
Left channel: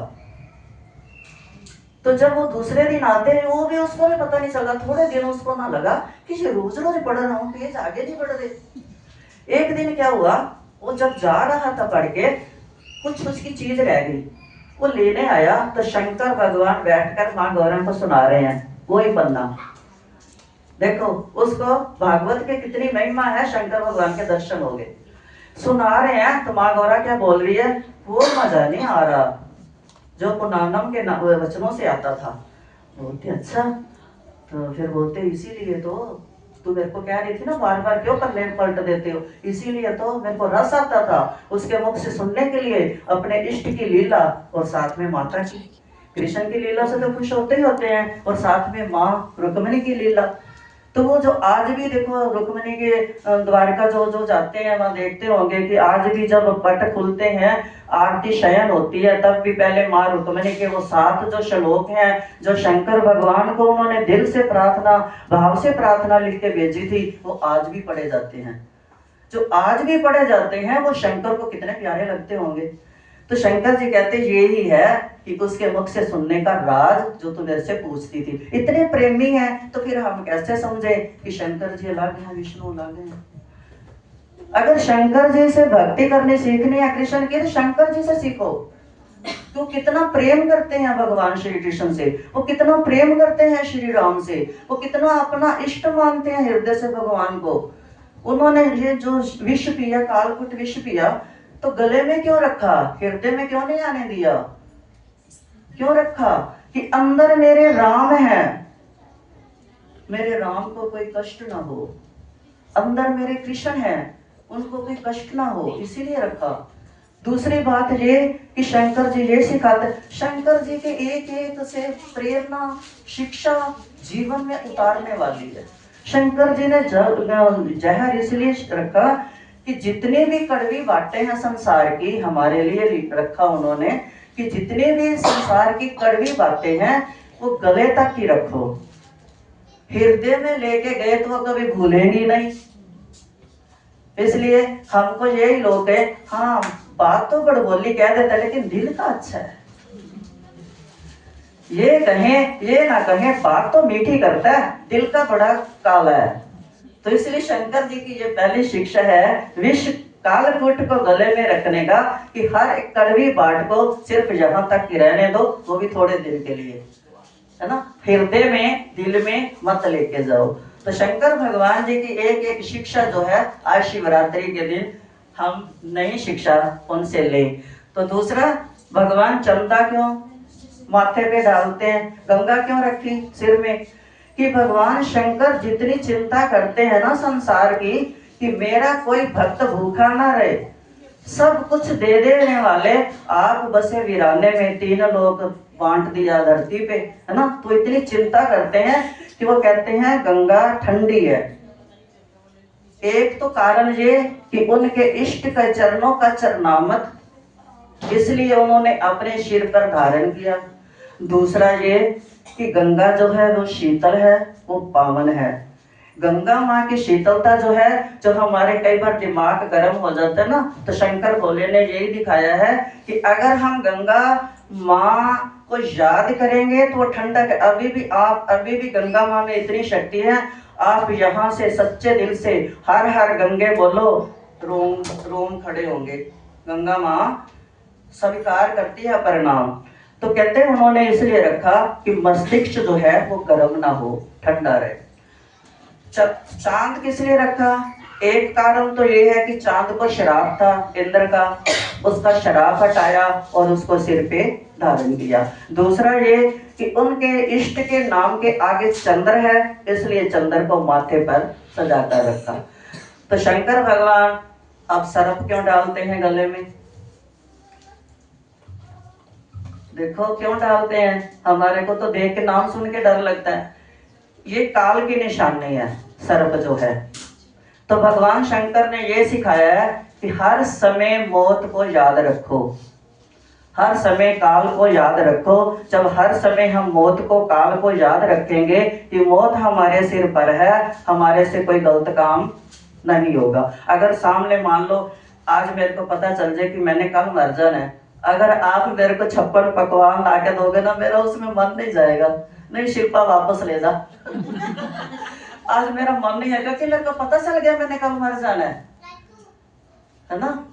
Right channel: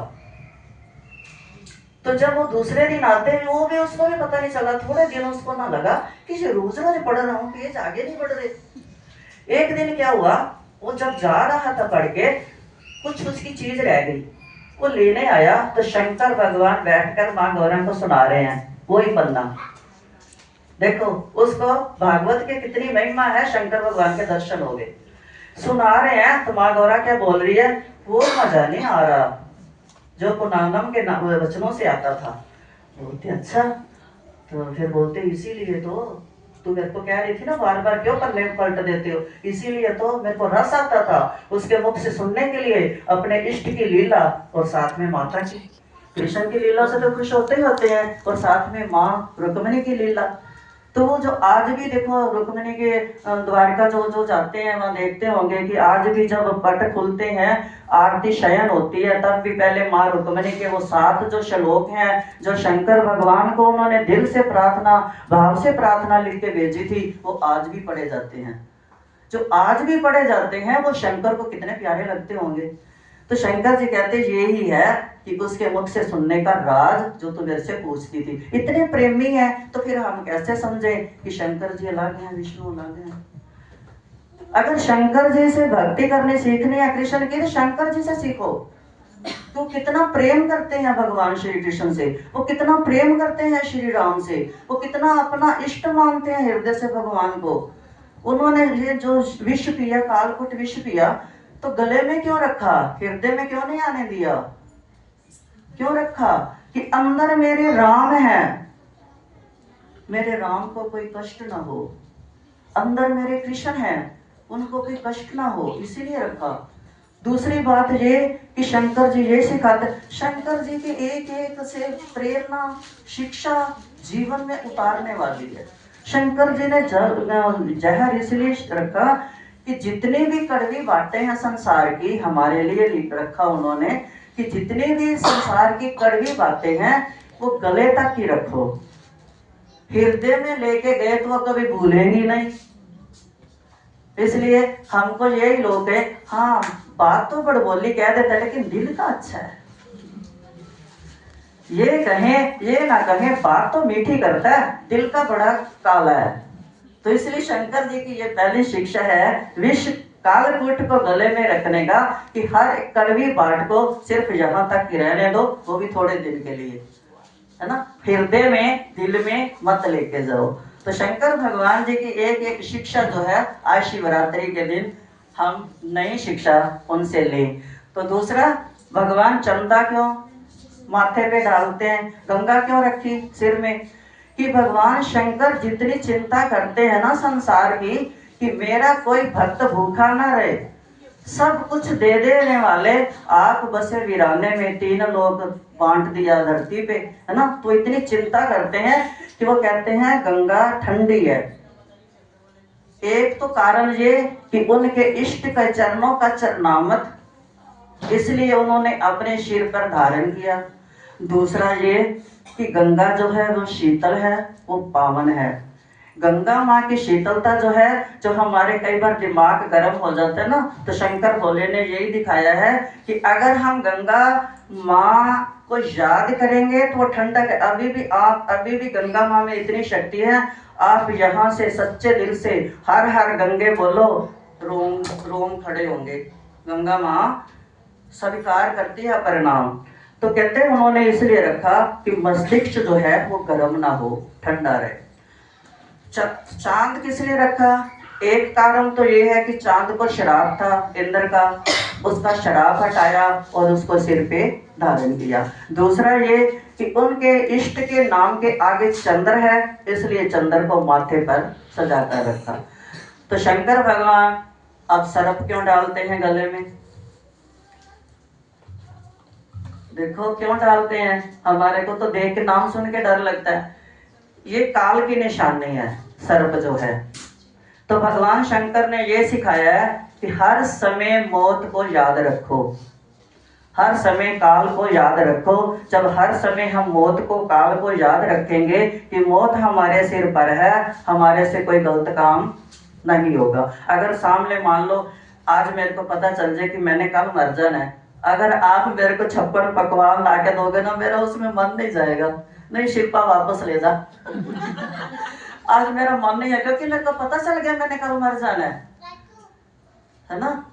तो जब वो दूसरे दिन आते हैं, वो भी उसको भी पता नहीं चला, थोड़े दिन उसको ना लगा कि ये रोज रोज पढ़ रहा हूँ, पेज आगे नहीं बढ़ रहे। एक दिन क्या हुआ, वो जब जा रहा था पढ़ के, कुछ उसकी चीज रह गई, वो लेने आया तो शंकर भगवान बैठकर माँ गौरम को सुना रहे हैं वही पन्ना। देखो उसको भागवत के कितनी महिमा है, शंकर भगवान के दर्शन हो गए, सुना रहे हैं। तो माँ गौरा क्या बोल रही है, वो मजा नहीं आ रहा जो पुनानम के वचनों से आता था। बोलते अच्छा, तो फिर बोलते इसीलिए तो तू मेरे को कह रही थी ना बार बार क्यों पन्ने पलट देते हो, इसीलिए तो मेरे को रस आता था उसके मुख से सुनने के लिए, अपने इष्ट की लीला और साथ में माता की। कृष्ण की लीला से तो खुश होते ही होते हैं, और साथ में माँ रुक्मिणी की लीला। तो वो जो आज भी देखो रुक्मिणी के द्वारका जो जो जाते हैं वहां देखते होंगे कि आज भी जब पट खुलते हैं, आरती शयन होती है, तब भी पहले माँ रुक्मिणी के वो 7 जो श्लोक हैं, जो शंकर भगवान को उन्होंने दिल से प्रार्थना, भाव से प्रार्थना लिख के भेजी थी, वो आज भी पढ़े जाते हैं। जो आज भी पढ़े जाते हैं वो शंकर को कितने प्यारे लगते होंगे। तो शंकर जी कहते यही है कि उसके मुख से सुनने का राज जो तू मेरे से पूछती थी। इतने प्रेमी है तो फिर हम कैसे समझे कि शंकर जी अलग हैं, विष्णु अलग हैं। अगर शंकर जी से भक्ति करनी सीखनी है कृष्ण की, तो शंकर जी से सीखो। वो कितना प्रेम करते हैं भगवान श्री कृष्ण से, वो कितना प्रेम करते हैं श्री राम से, वो कितना अपना इष्ट मानते हैं हृदय से भगवान को। उन्होंने ये जो विष पिया, कालकुट विष पिया, तो गले में क्यों रखा, हृदय में क्यों नहीं आने दिया? क्यों रखा? कि अंदर मेरे राम है, मेरे राम को कोई कष्ट ना हो, अंदर मेरे कृष्ण है, उनको कोई कष्ट ना हो, इसीलिए रखा। दूसरी बात ये कि शंकर जी ये सिखाते, शंकर जी के एक एक से प्रेरणा, शिक्षा जीवन में उतारने वाली है। शंकर जी ने जहर इसलिए रखा कि जितने भी कड़वी बातें हैं संसार की, हमारे लिए रखा उन्होंने कि जितने भी संसार की कड़वी बातें हैं वो गले तक ही रखो, हृदय में लेके गए तो वो कभी भूलेंगी नहीं। इसलिए हमको यही लोग है, हाँ बात तो बड़बोली कह देता है लेकिन दिल का अच्छा है, ये कहें ये ना कहें, बात तो मीठी करता है, दिल का बड़ा काला है। तो इसलिए शंकर जी की ये पहली शिक्षा है विश्व कालकूट को गले में रखने का, कि हर कड़वी बात को सिर्फ यहाँ तक ही रहने दो, वो भी थोड़े दिन के लिए, है ना, हृदय में दिल में मत लेके जाओ। तो शंकर भगवान जी की एक एक शिक्षा जो है आज शिवरात्रि के दिन हम नई शिक्षा उनसे ले। तो दूसरा, भगवान चंदा क्यों माथे पे डालते हैं, गंगा क्यों रखी सिर में, कि भगवान शंकर जितनी चिंता करते हैं ना संसार की, कि मेरा कोई भक्त भूखा ना रहे, सब कुछ दे देने वाले आप बसे वीराने में, 3 लोग बांट दिया धरती पे, है ना। तो इतनी चिंता करते हैं कि वो कहते हैं गंगा ठंडी है। एक तो कारण ये कि उनके इष्ट के चरणों का चरणामत, इसलिए उन्होंने अपने सिर पर धारण किया। दूसरा ये कि गंगा जो है वो शीतल है, वो पावन है। गंगा माँ की शीतलता जो है, जो हमारे कई बार दिमाग गर्म हो जाता है ना, तो शंकर भोले ने यही दिखाया है कि अगर हम गंगा माँ को याद करेंगे तो वो ठंडक है। अभी भी गंगा माँ में इतनी शक्ति है, आप यहाँ से सच्चे दिल से हर हर गंगे बोलो, रोम रोम खड़े होंगे। गंगा माँ स्वीकार करती है परिणाम। तो कहते हैं उन्होंने इसलिए रखा कि मस्तिष्क जो है वो गर्म ना हो, ठंडा रहे। चांद किस लिए रखा? एक कारण तो ये है कि चांद को श्राप था इंद्र का, उसका श्राप हटाया और उसको सिर पे धारण किया। दूसरा ये कि उनके इष्ट के नाम के आगे चंद्र है, इसलिए चंद्र को माथे पर सजा कर रखा। तो शंकर भगवान अब सर्प क्यों डालते हैं गले में? देखो क्यों डालते हैं, हमारे को तो देख के नाम सुन के डर लगता है। ये काल की निशानी है सर्प जो है। तो भगवान शंकर ने ये सिखाया है कि हर समय मौत को याद रखो, हर समय काल को याद रखो। जब हर समय हम मौत को, काल को याद रखेंगे कि मौत हमारे सिर पर है, हमारे से कोई गलत काम नहीं होगा। अगर सामने मान लो आज मेरे को पता चल जाए कि मैंने कल मर जाना है, अगर आप मेरे को 56 पकवान ला के दोगे ना, मेरा उसमें मन नहीं जाएगा, नहीं शिल्पा वापस ले जा। आज मेरा मन नहीं है क्योंकि मेरे को पता चल गया मैंने कल मर जाना है ना।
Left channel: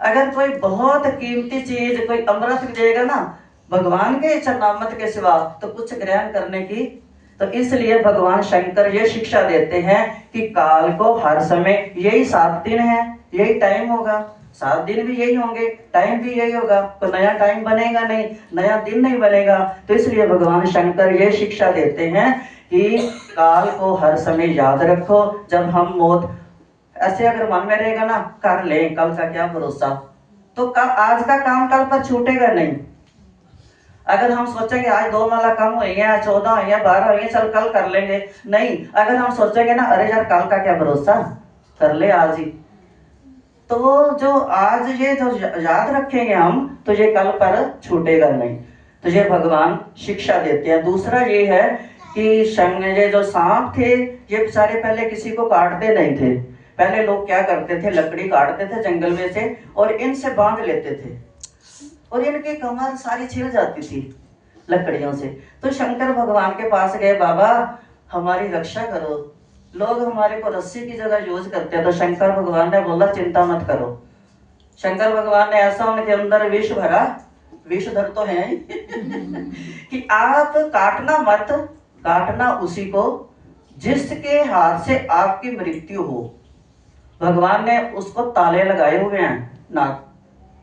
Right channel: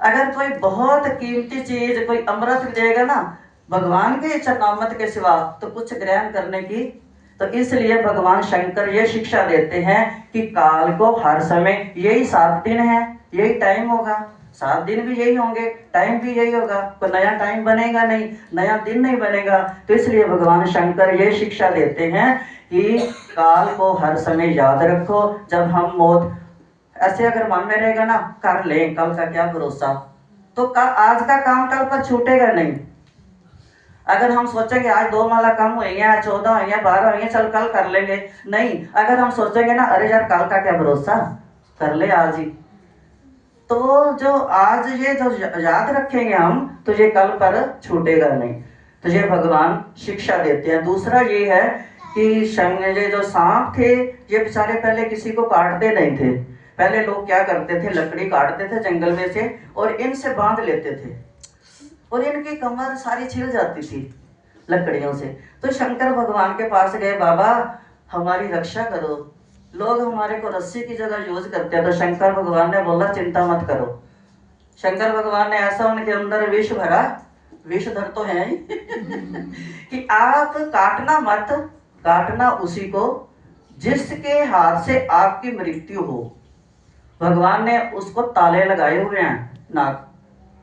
अगर कोई बहुत कीमती चीज, कोई अमृत देगा ना भगवान के चरणामृत के सिवा, तो कुछ ग्रहण करने की। तो इसलिए भगवान शंकर ये शिक्षा देते हैं कि काल को हर समय, यही 7 दिन है, यही टाइम होगा, 7 दिन भी यही होंगे, टाइम भी यही होगा, कोई नया टाइम बनेगा नहीं, नया दिन नहीं बनेगा। तो इसलिए भगवान शंकर ये शिक्षा देते हैं कि काल को हर समय याद रखो। जब हम मौत ऐसे अगर मन में रहेगा ना, कर ले, कल का क्या भरोसा, तो आज का काम कल पर छूटेगा नहीं। अगर हम सोचेंगे आज 2 माला कम हुई है, 14 हुई है, 12 हुई है, चल कल कर लेंगे, नहीं। अगर हम सोचेंगे ना, अरे यार कल का क्या भरोसा, कर ले आज ही, तो जो आज ये जो याद रखेंगे हम, तो ये कल पर छूटेगा नहीं। तो ये भगवान शिक्षा देते हैं। दूसरा ये है कि ये जो सांप थे, ये बेचारे पहले किसी को काटते नहीं थे। पहले लोग क्या करते थे, लकड़ी काटते थे जंगल में से और इनसे बांध लेते थे, और इनकी कमर सारी छिल जाती थी लकड़ियों से। तो शंकर भगवान के पास गए, बाबा हमारी रक्षा करो, लोग हमारे को रस्सी की जगह यूज करते हैं। तो शंकर भगवान ने बोला चिंता मत करो। शंकर भगवान ने ऐसा उनके अंदर विष भरा, विषधर तो है कि आप काटना मत, काटना उसी को जिसके हाथ से आपकी मृत्यु हो। भगवान ने उसको ताले लगाए हुए हैं नाक,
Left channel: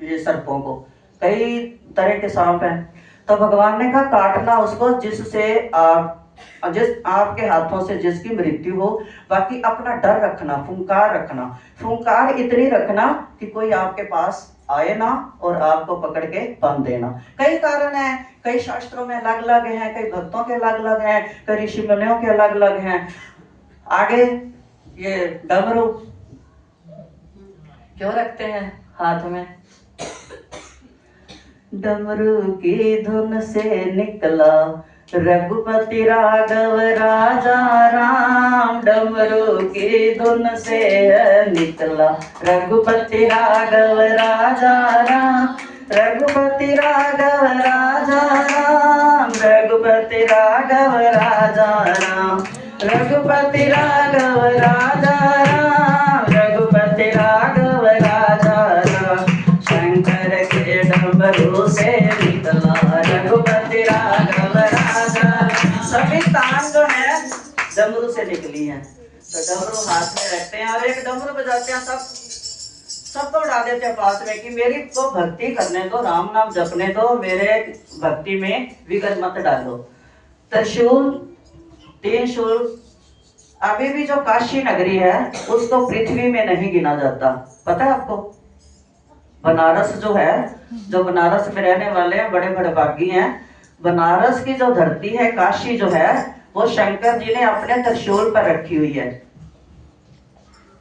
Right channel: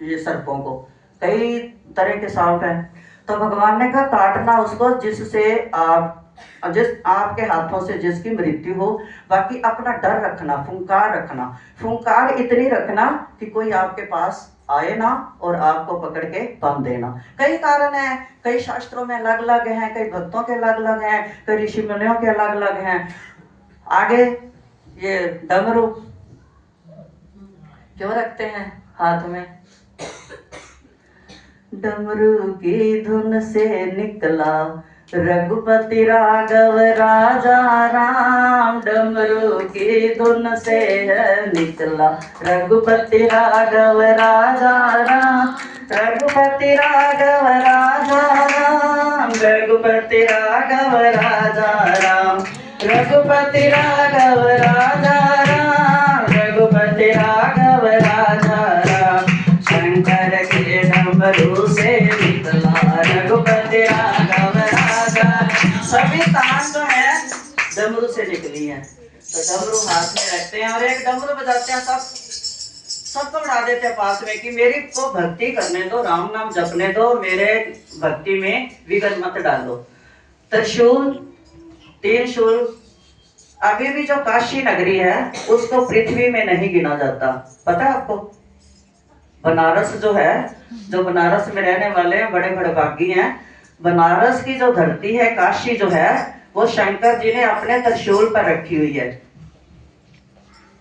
ये सर्पों को, कई तरह के सांप हैं। तो भगवान ने कहा काटना उसको जिससे आपके हाथों से जिसकी मृत्यु हो। बाकी अपना डर रखना, फुंकार रखना, फुंकार इतनी रखना कि कोई आपके पास आए ना और आपको पकड़ के बांध देना। कई कारण है, कई शास्त्रों में अलग अलग हैं, कई भक्तों के अलग अलग हैं, कई ऋषि मुनियों के अलग अलग हैं। आगे ये डमरू क्यों रखते हैं हाथ में? डमरू की धुन से निकला रघुपति राघव राजा राम, डमरू की धुन से निकला रघुपति राघव राजा राम, रघुपति राघव राजा राम, रघुपति राघव राजा राम, रघुपति राघव राजा राम, रघुपति राघव राजा राम। शंकर के डमरू से निकला रघुपति राघव राजा। सभी तान जो है डमरू से निकली हैं। तो डमरू हाथ में रखते हैं और एक डमरू बजाते हैं, सबको उड़ा देते हैं पास में कि मेरी को भक्ति करने दो, राम नाम जपने दो, मेरे भक्ति में विघ्न मत डालो। त्रिशूल, 3 शूल। अभी भी जो काशी नगरी है उसको पृथ्वी में नहीं गिना जाता, पता है आपको? बनारस जो है, जो बनारस में रहने वाले हैं बड़े बड़े भागी हैं, बनारस की जो धरती है, काशी जो है, वो शंकर जी ने अपने त्रिशूल पर रखी हुई है,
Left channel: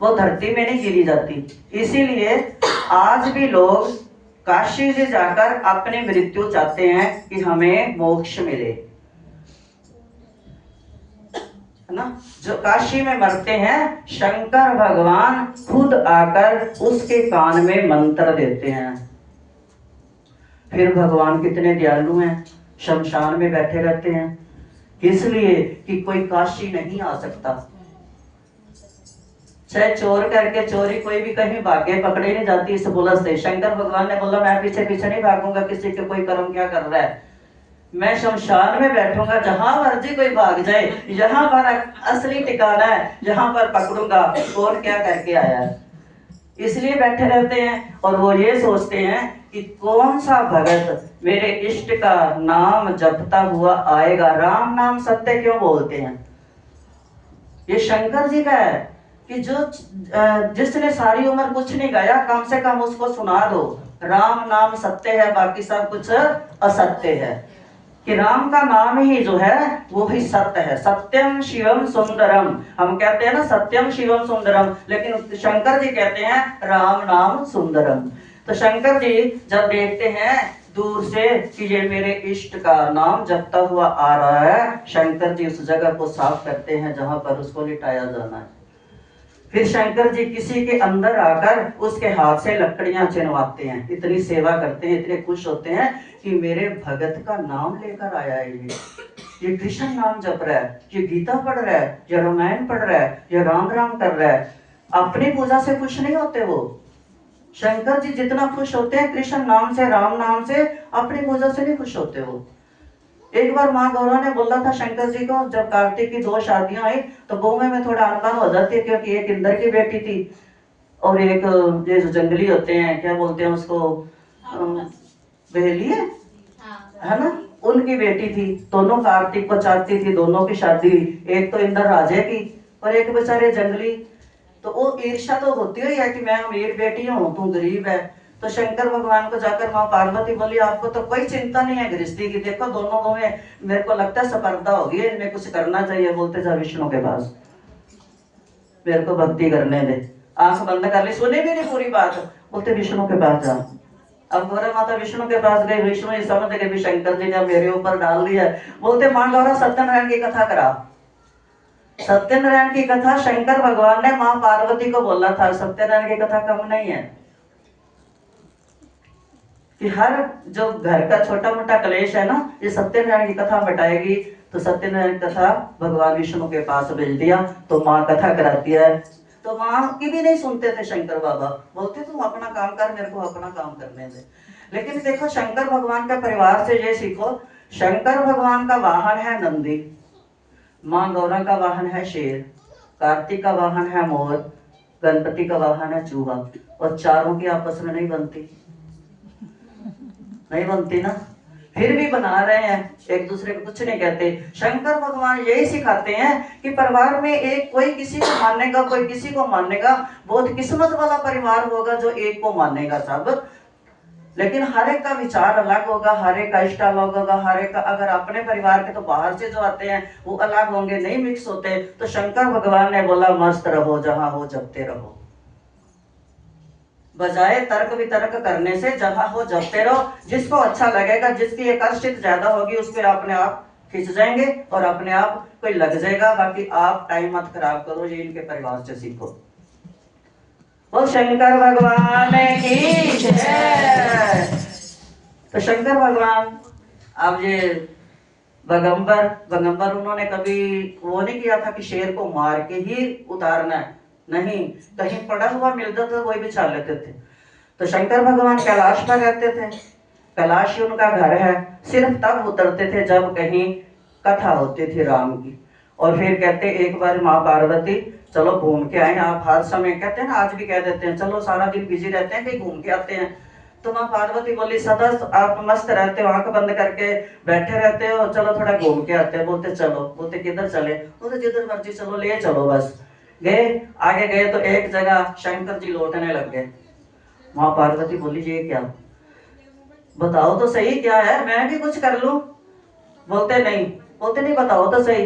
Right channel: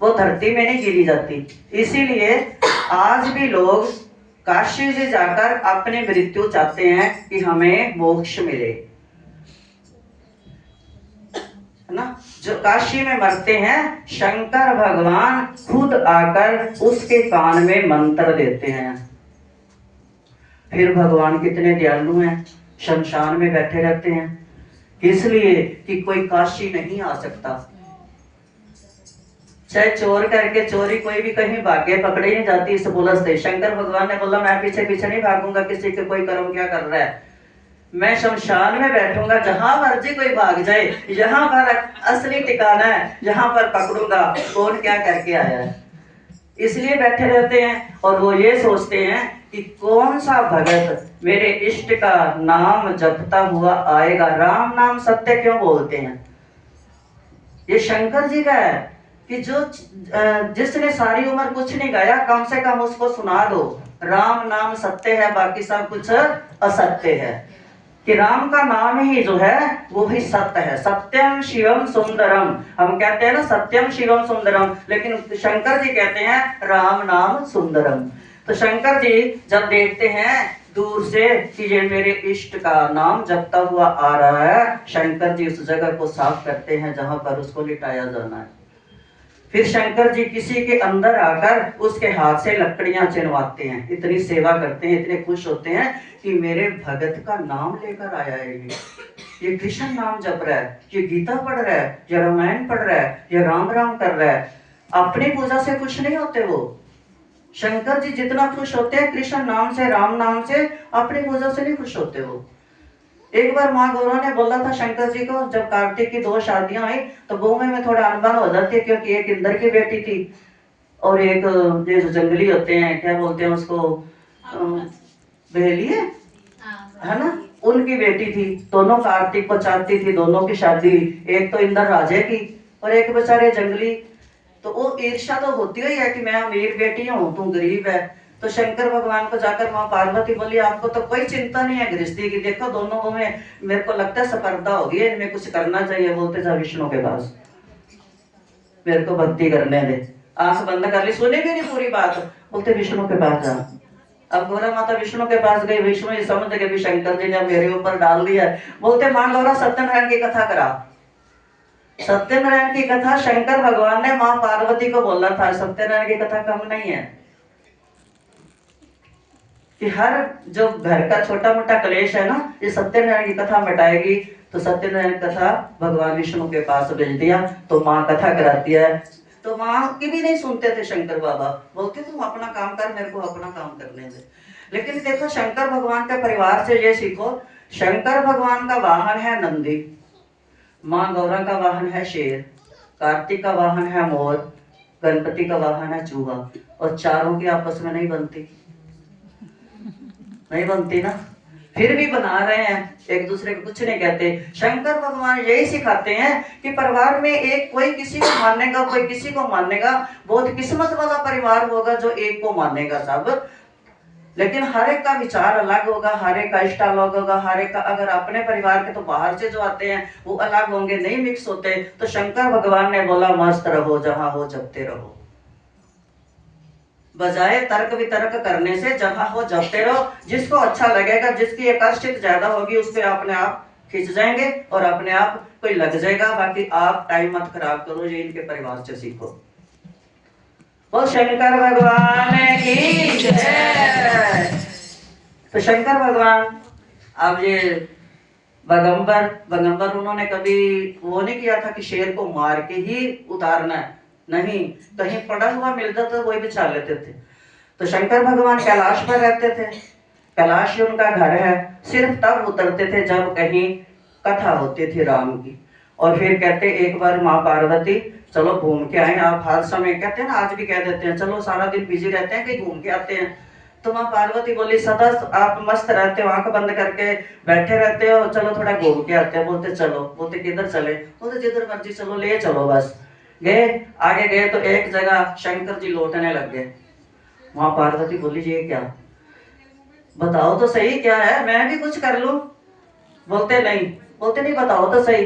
वो धरती में नहीं गिरी जाती। इसीलिए आज भी लोग काशी से जाकर अपनी मृत्यु चाहते हैं कि हमें मोक्ष मिले, है ना। जो काशी में मरते हैं, शंकर भगवान खुद आकर उसके कान में मंत्र देते हैं। फिर भगवान कितने दयालु हैं, शमशान में बैठे रहते हैं, इसलिए कि कोई काशी नहीं आ सकता। चाहे चोर करके चोरी कोई भी कहीं भागे, पकड़े नहीं जाती इस पुलिस से। शंकर भगवान ने बोला मैं पीछे पीछे नहीं भागूंगा किसी के कोई कर्म क्या कर रहा है, मैं शमशान में बैठूंगा, जहां मर्जी कोई भाग जाए, यहाँ पर असली ठिकाना है, यहाँ पर पकड़ूंगा कौन क्या करके आया है। इसलिए बैठे रहते हैं और वो ये सोचते हैं कि कौन सा भगत मेरे इष्ट का नाम जपता हुआ आएगा। राम नाम सत्य क्यों बोलते हैं? ये शंकर जी का है। कि जो जिसने सारी उम्र कुछ नहीं गाया, कम से कम उसको सुना दो राम नाम सत्य है, बाकी सब कुछ असत्य है। कि राम का नाम ही जो है वो ही सत्य है। सत्यम शिवम सुंदरम, हम कहते हैं ना सत्यम शिवम सुंदरम, लेकिन शंकर जी कहते हैं राम नाम सुंदरम। तो शंकर जी जब देखते हैं दूर से कि ये मेरे इष्ट का नाम जपता हुआ आ रहा है, शंकर जी उस जगह को साफ करते हैं जहां पर उसको लिटाया जाना है। फिर शंकर जी किसी के अंदर आकर उसके हाथ से लकड़ियां चिनवाते हैं, इतनी सेवा करते हैं, इतने खुश होते हैं कि मेरे भगत का नाम लेकर आया है, ये कृष्ण नाम जप रहा है, ये गीता पढ़ रहा है, ये रामायण पढ़ रहा है, ये राम राम कर रहा है। अपनी पूजा से खुश नहीं होते वो। शंकर जी जितना खुश होते हैं कृष्ण नाम से, राम नाम से, अपनी पूजा से नहीं खुश होते वो। एक बार माँ गौरा ने बोला था शंकर जी को, जब कार्तिक की 2 शादियां आई तो बहु में थोड़ा अनबन हो जाती है, क्योंकि एक इंद्र की बेटी थी और एक ये जो जंगली होते हैं, क्या बोलते हैं उसको, बहेली है ना, उनकी बेटी थी। दोनों कार्तिक को चाहती थी, दोनों की शादी, एक तो इंद्र राजे की और एक बेचारे जंगली। तो वो ईर्ष्या तो होती ही है कि मैं अमीर बेटी हूँ, तू गरीब है। तो शंकर भगवान को जाकर माँ पार्वती बोली आपको तो कोई चिंता नहीं है गृहस्थी की, देखो दोनों में मेरे को लगता है स्पर्धा होगी, इनमें कुछ करना चाहिए। बोलते जा विष्णु के पास, मेरे को भक्ति करने दे। आंख बंद कर ली, सुने भी नहीं पूरी बात। बोलते विष्णु के पास जा। अब गौरा माता विष्णु के पास गए, विष्णु ये समझ गए भी शंकर जी ने मेरे ऊपर डाल दिया। बोलते माँ गौरा सत्यनारायण की कथा करा। सत्यनारायण की कथा शंकर भगवान ने माँ पार्वती को बोला था, सत्यनारायण की कथा कम नहीं है कि हर जो घर का छोटा मोटा क्लेश है ना, ये सत्यनारायण की कथा मिटाएगी। तो सत्यनारायण कथा भगवान विष्णु के पास भेज दिया, तो माँ कथा कराती है। तो माँ की भी नहीं सुनते थे शंकर बाबा, बोलते तुम अपना काम कर, मेरे को अपना काम करने दे। लेकिन देखो शंकर भगवान के परिवार से ये सीखो, शंकर भगवान का वाहन है नंदी, माँ गौरा का वाहन है शेर, कार्तिक का वाहन है मोर, गणपति का वाहन है चूहा, और चारों की आपस में नहीं बनती, नहीं बनती ना, फिर भी बना रहे हैं, एक दूसरे को कुछ नहीं कहते। शंकर भगवान यही सिखाते हैं कि परिवार में एक कोई किसी को मानेगा, कोई किसी को मानेगा, बहुत किस्मत वाला परिवार होगा जो एक को मानेगा सब। लेकिन हर एक का विचार अलग होगा, हर एक का इष्ट अलग होगा, हर एक का, अगर अपने परिवार के तो बाहर से जो आते हैं वो अलग होंगे, नहीं मिक्स होते। तो शंकर भगवान ने बोला मस्त रहो, जहां हो जपते रहो, बजाय तर्क वितर्क करने से जहां हो जपते रहो। जिसको अच्छा लगेगा, जिसकी एकष्टित ज्यादा होगी उस पर अपने आप खिंच जाएंगे और अपने आप कोई लग जाएगा। बाकी आप टाइम मत खराब करो, ये इनके परिवार से सीखो। वो शंकर भगवान की जय। तो शंकर भगवान अब ये बगंबर उन्होंने कभी वो नहीं किया था कि शेर को मार के ही उतारना है, नहीं, कहीं पड़ा हुआ मिलता तो वही बिछा लेते थे। तो शंकर भगवान कैलाश पर रहते थे, कैलाश उनका घर है, सिर्फ तब उतरते थे जब कहीं कथा होती थी राम की। और फिर कहते एक बार माँ पार्वती चलो घूम के आए, आप हर समय कहते हैं ना, आज भी कह देते हैं चलो सारा दिन बिजी रहते हैं कि घूम के आते हैं। तो माँ पार्वती बोली सदा आप मस्त रहते हो, आंख बंद करके बैठे रहते हो, चलो थोड़ा घूम के आते हैं। बोलते चलो, बोलते किधर चले, बोलते जिधर मर्जी चलो, ले चलो। बस गए, आगे गए तो एक जगह शंकर जी लौटने लग गए। माँ पार्वती बोली ये क्या, बताओ तो सही क्या है, मैं भी कुछ कर लूं। बोलते नहीं, बताओ तो सही।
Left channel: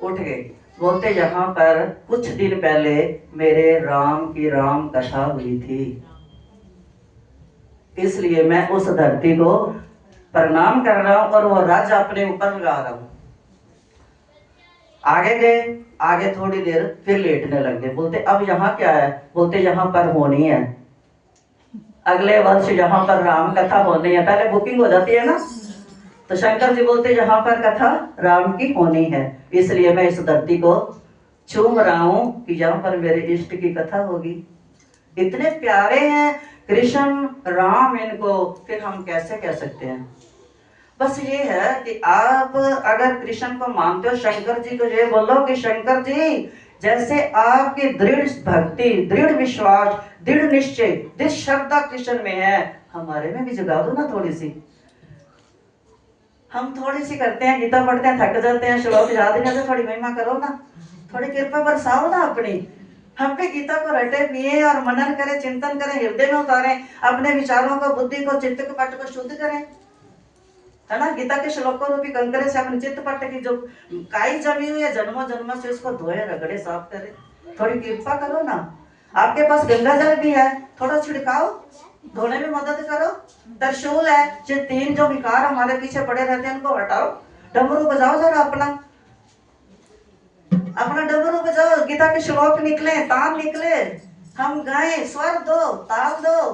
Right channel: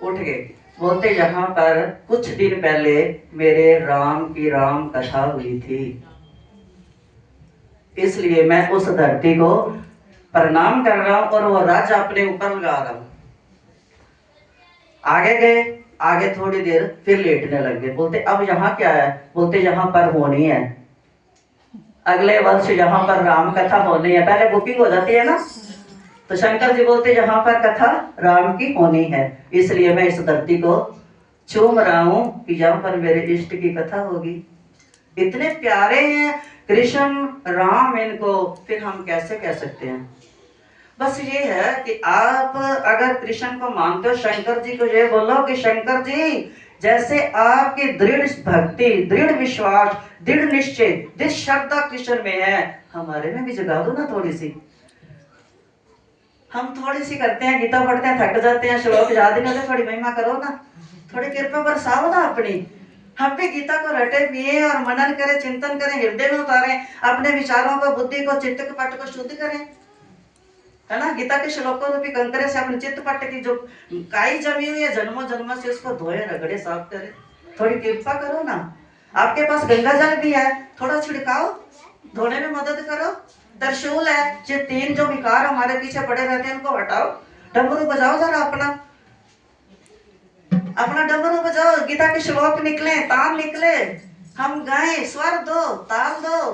उठ गए, बोलते यहाँ पर कुछ दिन पहले मेरे राम की राम कथा हुई थी, इसलिए मैं उस धरती को प्रणाम कर रहा हूं और वो राज अपने ऊपर लगा रहा हूं। आगे गए, आगे थोड़ी देर फिर लेटने लगे। बोलते अब यहाँ क्या है, बोलते यहाँ पर होनी है, अगले वर्ष यहाँ पर राम कथा होनी है, पहले बुकिंग हो जाती है ना। तो शंकर जी बोलते यहाँ पर कथा राम की होनी है, इसलिए मैं इस धरती को चूम रहा हूं कि यहाँ पर मेरे इष्ट की कथा होगी। इतने प्यारे हैं कृष्ण राम, इनको फिर हम कैसे कह सकते हैं। बस ये है कि आप अगर कृष्ण को मानते हो, शंकर जी को ये बोलो कि शंकर जी जैसे आपकी दृढ़ भक्ति, दृढ़ विश्वास, दृढ़ निश्चय, दृढ़ श्रद्धा कृष्ण में है, हमारे में भी जगा दो ना थोड़ी सी। हम थोड़ी सी करते हैं, गीता पढ़ते हैं, थक जाते हैं, श्लोक याद ही नहीं, थोड़ी महिमा करो ना, थोड़ी कृपा बरसाओ ना अपनी। हम भी गीता को रटे पिए और मनन करें, चिंतन करें, हृदय में उतारें, अपने विचारों को, बुद्धि को, चित्त के पट को शुद्ध करें, है ना। गीता के श्लोकों रूपी कंकरे से अपने चित्त पट की जो काई जमी हुई है जन्मों जन्मों से, उसको धोए, रगड़े, साफ करें। थोड़ी कृपा करो ना, आपके पास गंगा जल भी है, थोड़ा छिड़काओ, धोने में मदद करो। त्रिशूल है, ये 3 जो विकार हमारे पीछे पड़े रहते हैं उनको हटाओ। डमरू बजाओ जरा, अपना डमरू बजाओ, गीता के श्लोक निकले, तान निकले, हम गाएं, स्वर दो, ताल दो,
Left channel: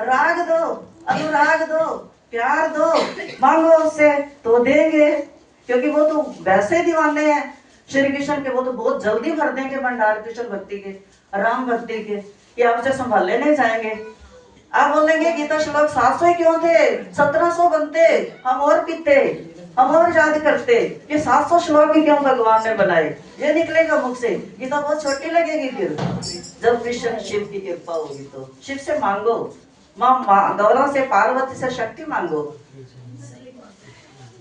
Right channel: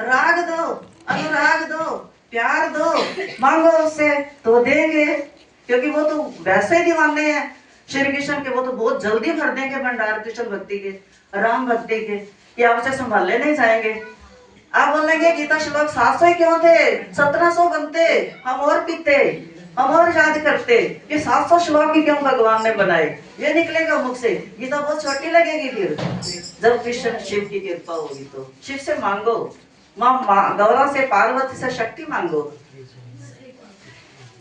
राग दो, अनुराग दो, प्यार दो, मांगो उससे तो देंगे, क्योंकि वो तो वैसे ही दीवाने हैं श्री कृष्ण के, वो तो बहुत जल्दी भर देंगे भंडार कृष्ण भक्ति के, राम भक्ति के, कि आपसे संभाले नहीं जाएंगे। आप बोलेंगे गीता श्लोक 700 क्यों थे, 1700 बनते, हम और पीते, हम और याद करते, ये 700 श्लोक ही क्यों भगवान ने बनाए, ये निकलेगा मुख से। गीता बहुत छोटी लगेगी फिर, जब कृष्ण शिव की कृपा होगी तो। शिव से मांगो, माँ गौरा से, पार्वती से शक्ति मांगो,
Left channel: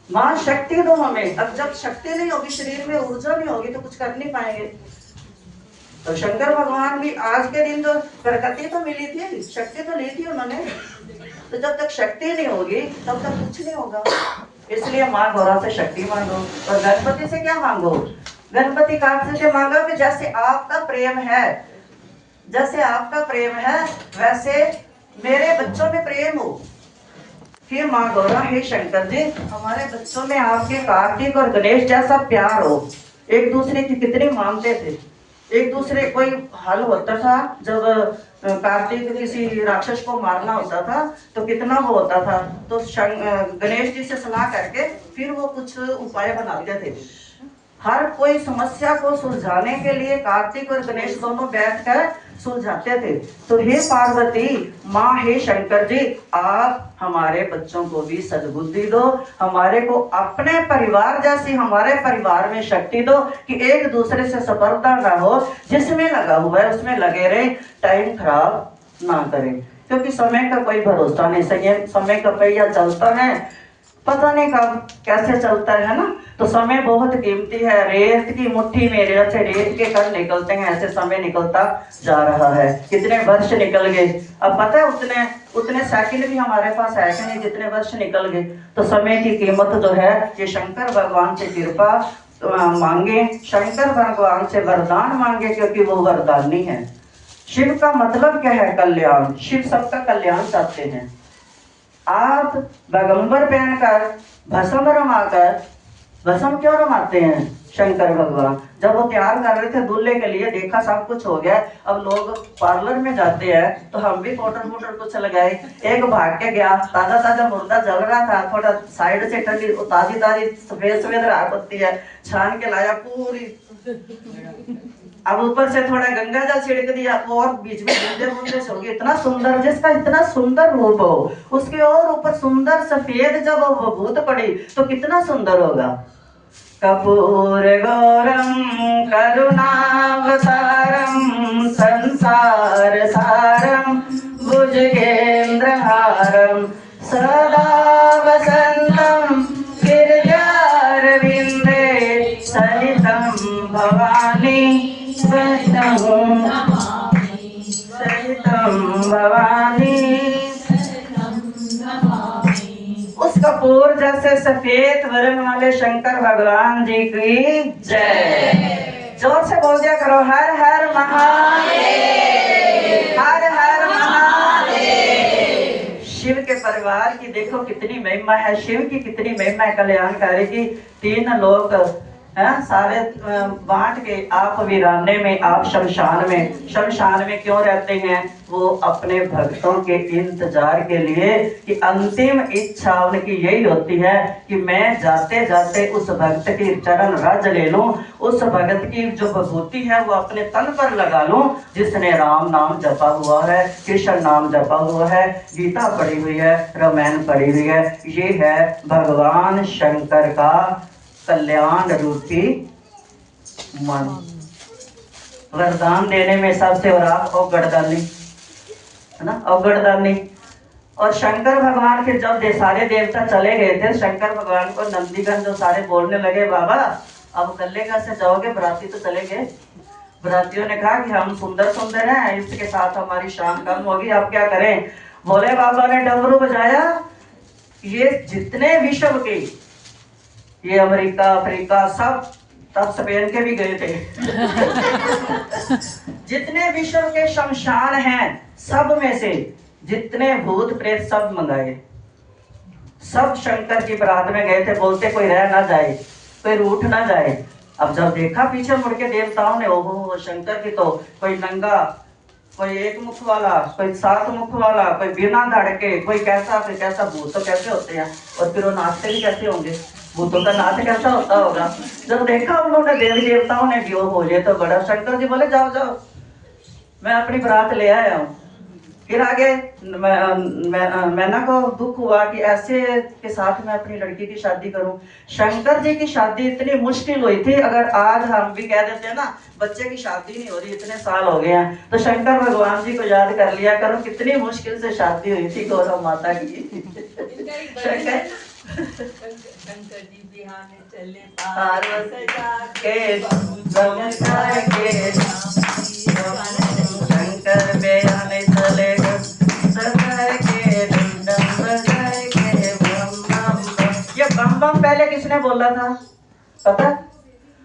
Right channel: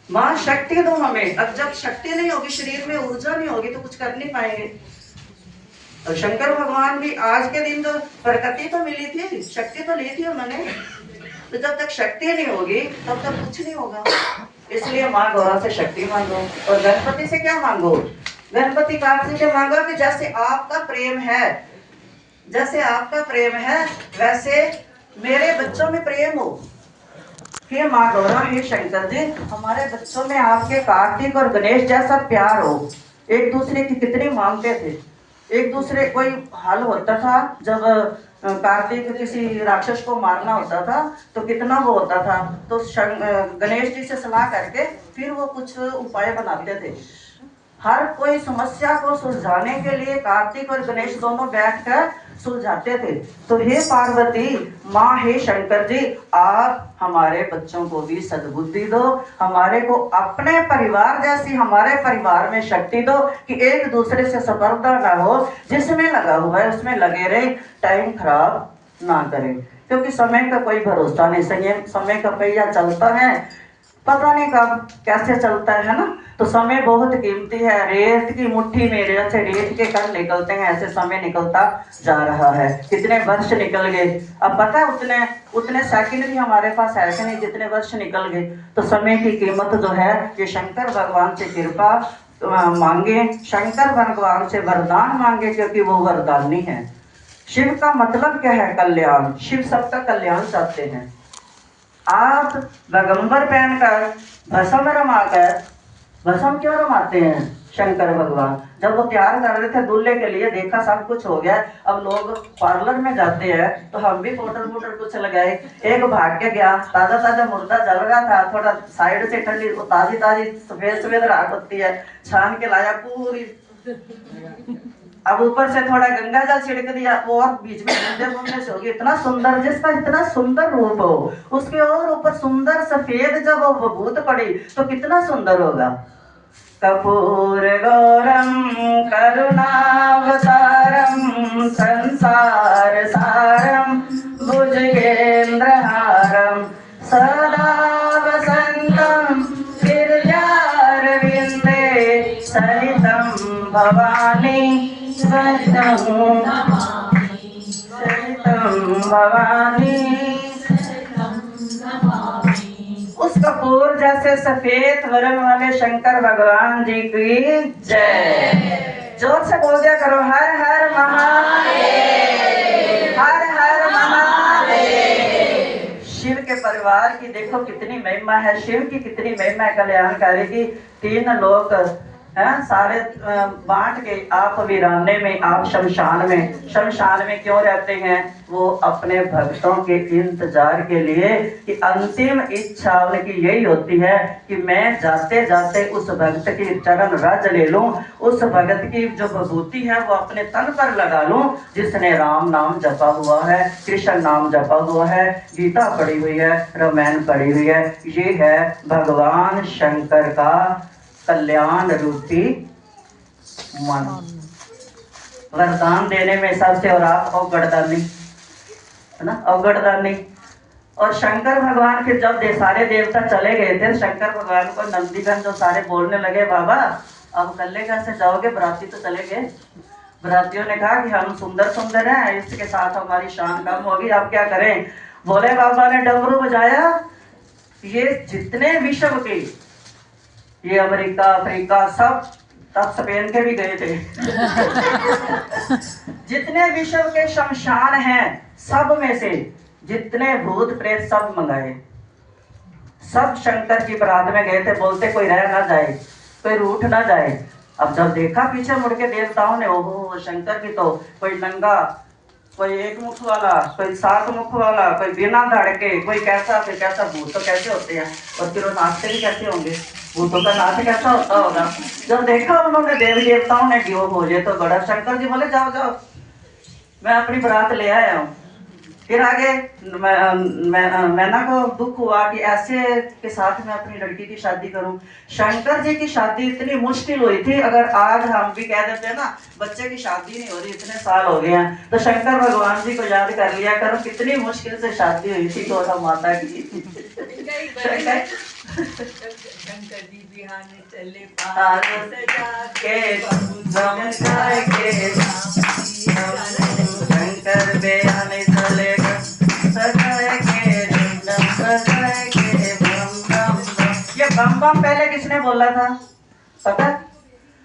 माँ शक्ति दो हमें। अब जब शक्ति नहीं होगी, शरीर में ऊर्जा नहीं होगी, तो कुछ कर नहीं पाएंगे। तो शंकर भगवान भी आज के दिन जो प्रकृति तो मिली थी, शक्ति तो ली थी उन्होंने, तो जब तक शक्ति नहीं होगी तब तक कुछ नहीं होगा। इसलिए माँ गौरा से शक्ति मांगो। और गणपति से क्या मांगो, गणपति कार्तिक से मांगा कि जैसे आपका प्रेम है, जैसे आपका प्रेम है वैसे मेरे बच्चों में प्रेम हो। कि माँ गौरा, हे शंकर जी, हमारे बच्चों में आपके कार्तिक और गणेश जैसा प्यार हो। एक दूसरे की कितनी मानते थे, एक दूसरे, कोई हाल होता था जब कार्तिक किसी राक्षस को मारना होता था तो कितना वो होता था, तो गणेश जी से सलाह करके फिर वो कुछ उपाय बनाते थे। हर कोई समस्या को सुलझाने के लिए कार्तिक और गणेश दोनों बैठकर सुलझाते थे। तो हे पार्वती माँ, हे शंकर जी, आप हमारे बच्चों को भी सद्बुद्धि दो, हमारे को अपने परिवार जैसी हमारे परिवार में शक्ति दो कि एक दूसरे से स्पर्धा ना हो, जिसमें लगा हुआ है उसमें लगे रहे, टाइम खराब ना करें, क्योंकि समय का कोई भरोसा नहीं। सही, समय का पहिया चलता है, पता नहीं कब कैसे चलता है ना। तो समय बहुत कीमती है, रेत की मुट्ठी में जैसे रेत के कण निकलते हैं ऐसे समय निकलता जा रहा है। कितने वर्ष निकल गए, अब पता है उतने सेकंड भी हमारे पास है कि नहीं, जितने वर्ष निकल गए। तो समय की कीमत जो है, ये शंकर भगवान से कृपा मांगे, शंकर भगवान से वरदान मांगे, क्योंकि वो वरदानी है। शिव का मतलब क्या है, कल्याण। शिव सबका कल्याण चाहते हैं। आप पैगंबर पहनकर भस्म रमाकर, भस्म क्यों रमाते हैं शंकर भगवान? जब वो तैयार कर रहे थे दूल्हे के लिए, देखा सब कुछ हो गया, अब लोग पार्लर में जाते हैं तो हम भी पाउडर कुछ लगाए। एक भाग के गया, ताजा ताजा मुर्दा जल रहा था, थोड़ा साइड से ठंडी ताजी ताजी सफेद सफेद राख होती है, छान के लाया पूरी, अब ऊपर से थोड़ा गंगा जल छिड़क दिया, और बीच में हो गई। इतना सुंदर, जिसका इतना सुंदर रूप हो, उसके और ऊपर सुंदर सफेद जब वो भूत पड़ी तो कितना सुंदर होगा। कपूर गौरम करुणावतारम संसार सारम भुजगेंद्रहारम सदा वसंतम गिरिजारविंदे सहितं भवानी भवानी। उस कपूर जैसे सफेद वर्ण वाले शंकर भगवान जी की जय। जोर से बोल दिया करो, हर हर महादेव, हर हर महादेव। शिव के परिवार की देखो कितनी महिमा है, शिव की कितनी महिमा है, कल्याणकारी की। 3 लोग सारे बांट के, आप वीराने में, आप शमशान में। शमशान में क्यों रहते हैं? वो अपने भक्तों के इंतजार के लिए, कि अंतिम इच्छा उनकी यही होती है कि मैं जाते जाते उस भक्त की चरण रज ले लूं, उस भक्त की जो विभूति है वो अपने तन पर लगा लूं, जिसने राम नाम जपा हुआ है, कृष्ण नाम जपा हुआ है, गीता पढ़ी हुई है, रामायण पढ़ी हुई है। ये है भगवान शंकर का कल्याण रूपी मन। वरदान देने में सबसे, और आप अवगढ़दानी है ना, अवगढ़दानी। और शंकर भगवान के जब सारे देवता चले गए थे, शंकर भगवान को नंदीगण जो सारे बोलने लगे, बाबा अब कल्ले कैसे जाओगे, बराती तो चले गए, बरातियों ने कहा कि हम सुंदर सुंदर हैं, इसके साथ हमारी शान कम होगी, अब क्या करें। भोले बाबा ने डमरू बजाया, ये जितने विश्व के, ये अमेरिका अफ्रीका सब, तब स्पेन के भी गए थे जितने विश्व के शमशान हैं सब में से जितने भूत प्रेत सब मंगाए, सब शंकर की बारात में गए थे। बोलते कोई रह ना जाए, कोई रूठ ना जाए। अब जब देखा पीछे मुड़ के देवताओं ने, ओहो शंकर की तो कोई नंगा, कोई एक मुख वाला, कोई 7 मुख वाला, कोई बिना धड़ के, कोई कैसा फिर कैसा। भूत तो कैसे होते हैं, और फिर वो नाचते भी कैसे होंगे, भूतों का नाच कैसा होता होगा। जब देखा उन्होंने देवी देवताओं ने कि ओहो ये तो बड़ा। शंकर जी बोले जाओ जाओ, मैं अपनी बारात ले आया हूँ। फिर आगे मैना को दुख हुआ कि ऐसे के साथ मैं अपनी लड़की की शादी करूं। शंकर जी की शादी इतनी मुश्किल हुई थी, अगर आज हम भी कह देते हैं ना बच्चे की शादी नहीं हो रही, इतने साल हो गए हैं, तो शंकर भगवान जी को याद कर लिया करो, कितनी मुश्किल से शादी हुई थी गौरा माता की। शंकर जी बिहाने चले शंकर बेहाने चले ये बम बम पहले किसने बोला था पता?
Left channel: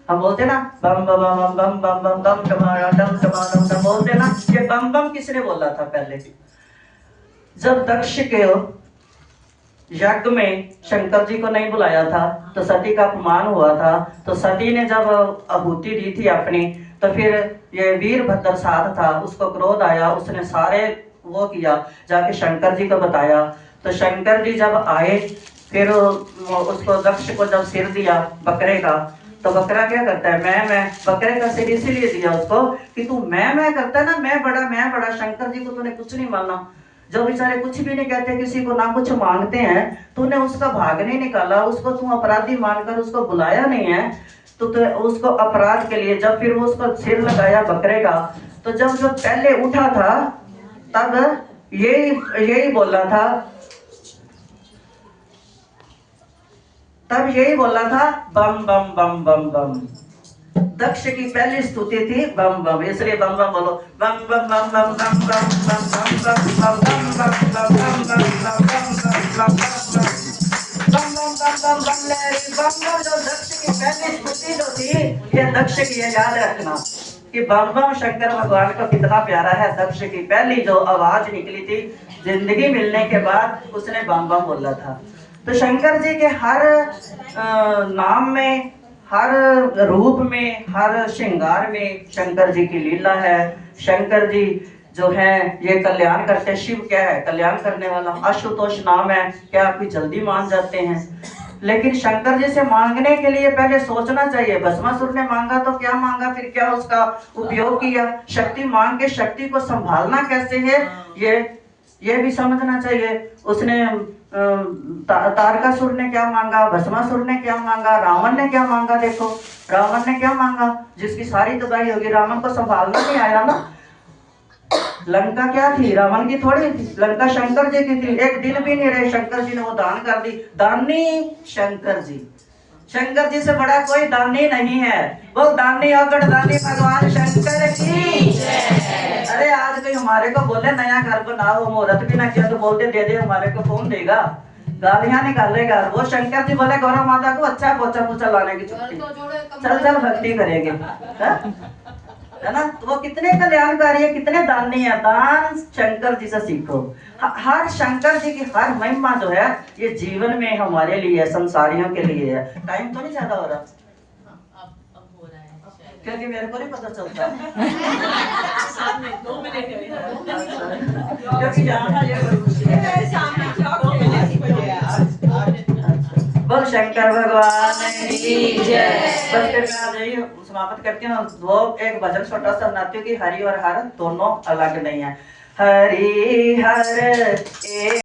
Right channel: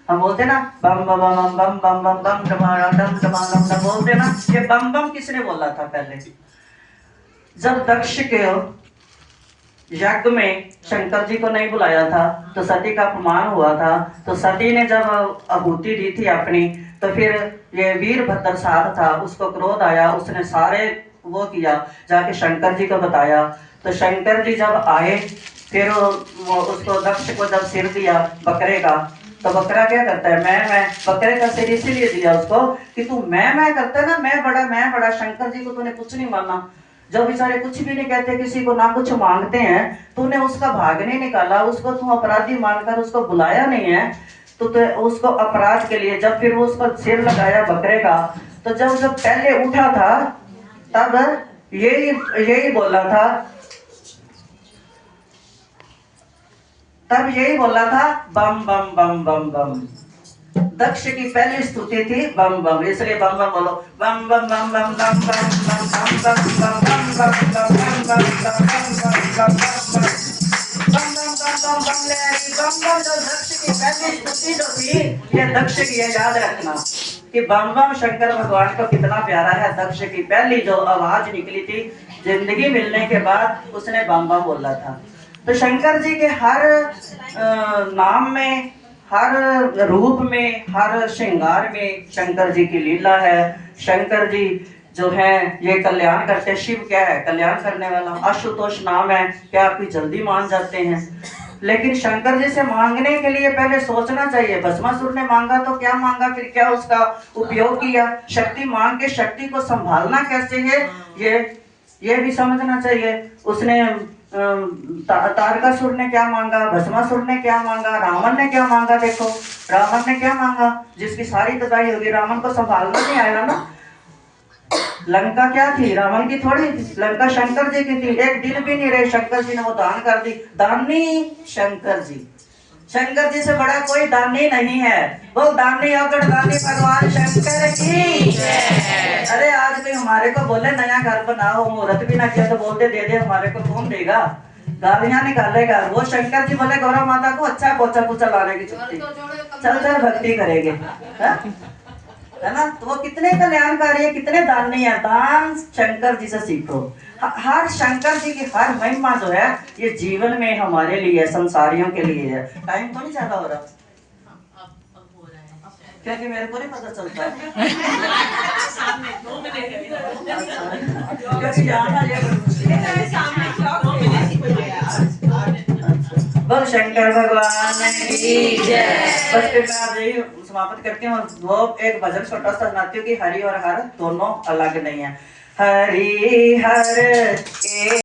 हम बोलते ना बम बम बम बम बम बम बम टमारा डम टमारा डम बोलते ना, ये बम बम किसने बोला था पहले? जब दक्ष के यज्ञ में शंकर जी को नहीं बुलाया था तो सती का अपमान हुआ था। तो सती ने जब आहुति दी थी अपनी, तो फिर ये वीरभद्र साथ था, उसको क्रोध आया, उसने सारे वो किया, जाके शंकर जी को बताया। तो शंकर जी जब आए, फिर उसको दक्ष को जब सिर दिया बकरे का, तो बकरा क्या करता है, मैं बकरे का सिर इसीलिए दिया उसको कि तू मैं करता है ना, मैं बड़ा। शंकर जी को तूने कुछ नहीं माना, जो बेचारे कुछ भी नहीं कहते, किसी को ना कुछ मांगते हैं, तूने उसका भाग नहीं निकाला, उसको तू अपराधी मानकर उसको बुलाया नहीं है, तो उसको अपराध के लिए जब फिर वो उसको सिर लगाया बकरे का, तो जब पहले उठा था तब यही बोला था, बम बम बम बम बम। दक्ष की पहली स्तुति थी बम बम, इसलिए बम बम बोलो, बम बम बम बम बम बम बम बम बम बम बम बम बम बम बम बम बम लहरी बम बम। जो दक्ष की पहली स्तुति जो थी, ये दक्ष की है, याद रखना कि बम बम शंकर भगवान को कितना प्यारा है। दक्ष की पहली जो आवाज निकली थी जिंदगी मिलने के बाद, उसने बम बम बोला था। तो शंकर जी के हर नाम में, हर रूप में, हर श्रृंगार में शंकर जी की लीला है। शंकर जी जो है ये कल्याण करते। शिव क्या है, कल्याण करने वाला। आशुतोष नाम है, क्या आप जल्दी मान जाते हैं, लेकिन शंकर जी से मांगने के लिए पहले सोचना चाहिए। भस्मासुर ने मांगा तो क्या मांगा, फिर क्या उसका उपयोग किया। शक्ति मांग के शक्ति को संभालना कैसे है, ये भी समझना चाहिए। उसने तारकासुर ने क्या मांगा, भस्मासुर ने क्या मांगा, रावण ने क्या मांगा। देखो रावण ने क्या मांगा, जिसकी सारी तबाही होगी, रावण को संभालना नहीं आया ना। लंका क्या थी, रावण की थोड़ी थी, लंका शंकर जी की थी। एक दिन भी नहीं रहे, शंकर जी ने वो दान कर दी। दानी शंकर जी, शंकर जी से बड़ा कोई दानी नहीं है। वो दानी अगड़ दानी भगवान शंकर की। अरे आज कोई हमारे को बोले नया घर बनाओ, मुहूर्त भी ना किया तो बोलते दे दे, हमारे को कौन देगा, गालियां निकालेगा। वो शंकर जी बोले गौरा माता को अच्छा पोछा पोछा लाने की छुट्टी, चल भक्ति करेंगे, है ना। तो वो कितने कल्याणकारी है, कितने दानी है। दान शंकर जी से सीखो। हर शंकर जी की हर महिमा जो है ये जीवन में हमारे लिए, संसारियों के लिए है। टाइम तो नहीं ज्यादा हो रहा, क्योंकि मेरे को नहीं पता चलता क्योंकि जाना ये बड़ी मुश्किल है। बोल शंकर भगवान की जय। बस फिर मैं समाप्त करती हूँ। वो एक भजन छोटा सा सुनाती हूँ कि हरि और हर दोनों अलग नहीं है। हरि हर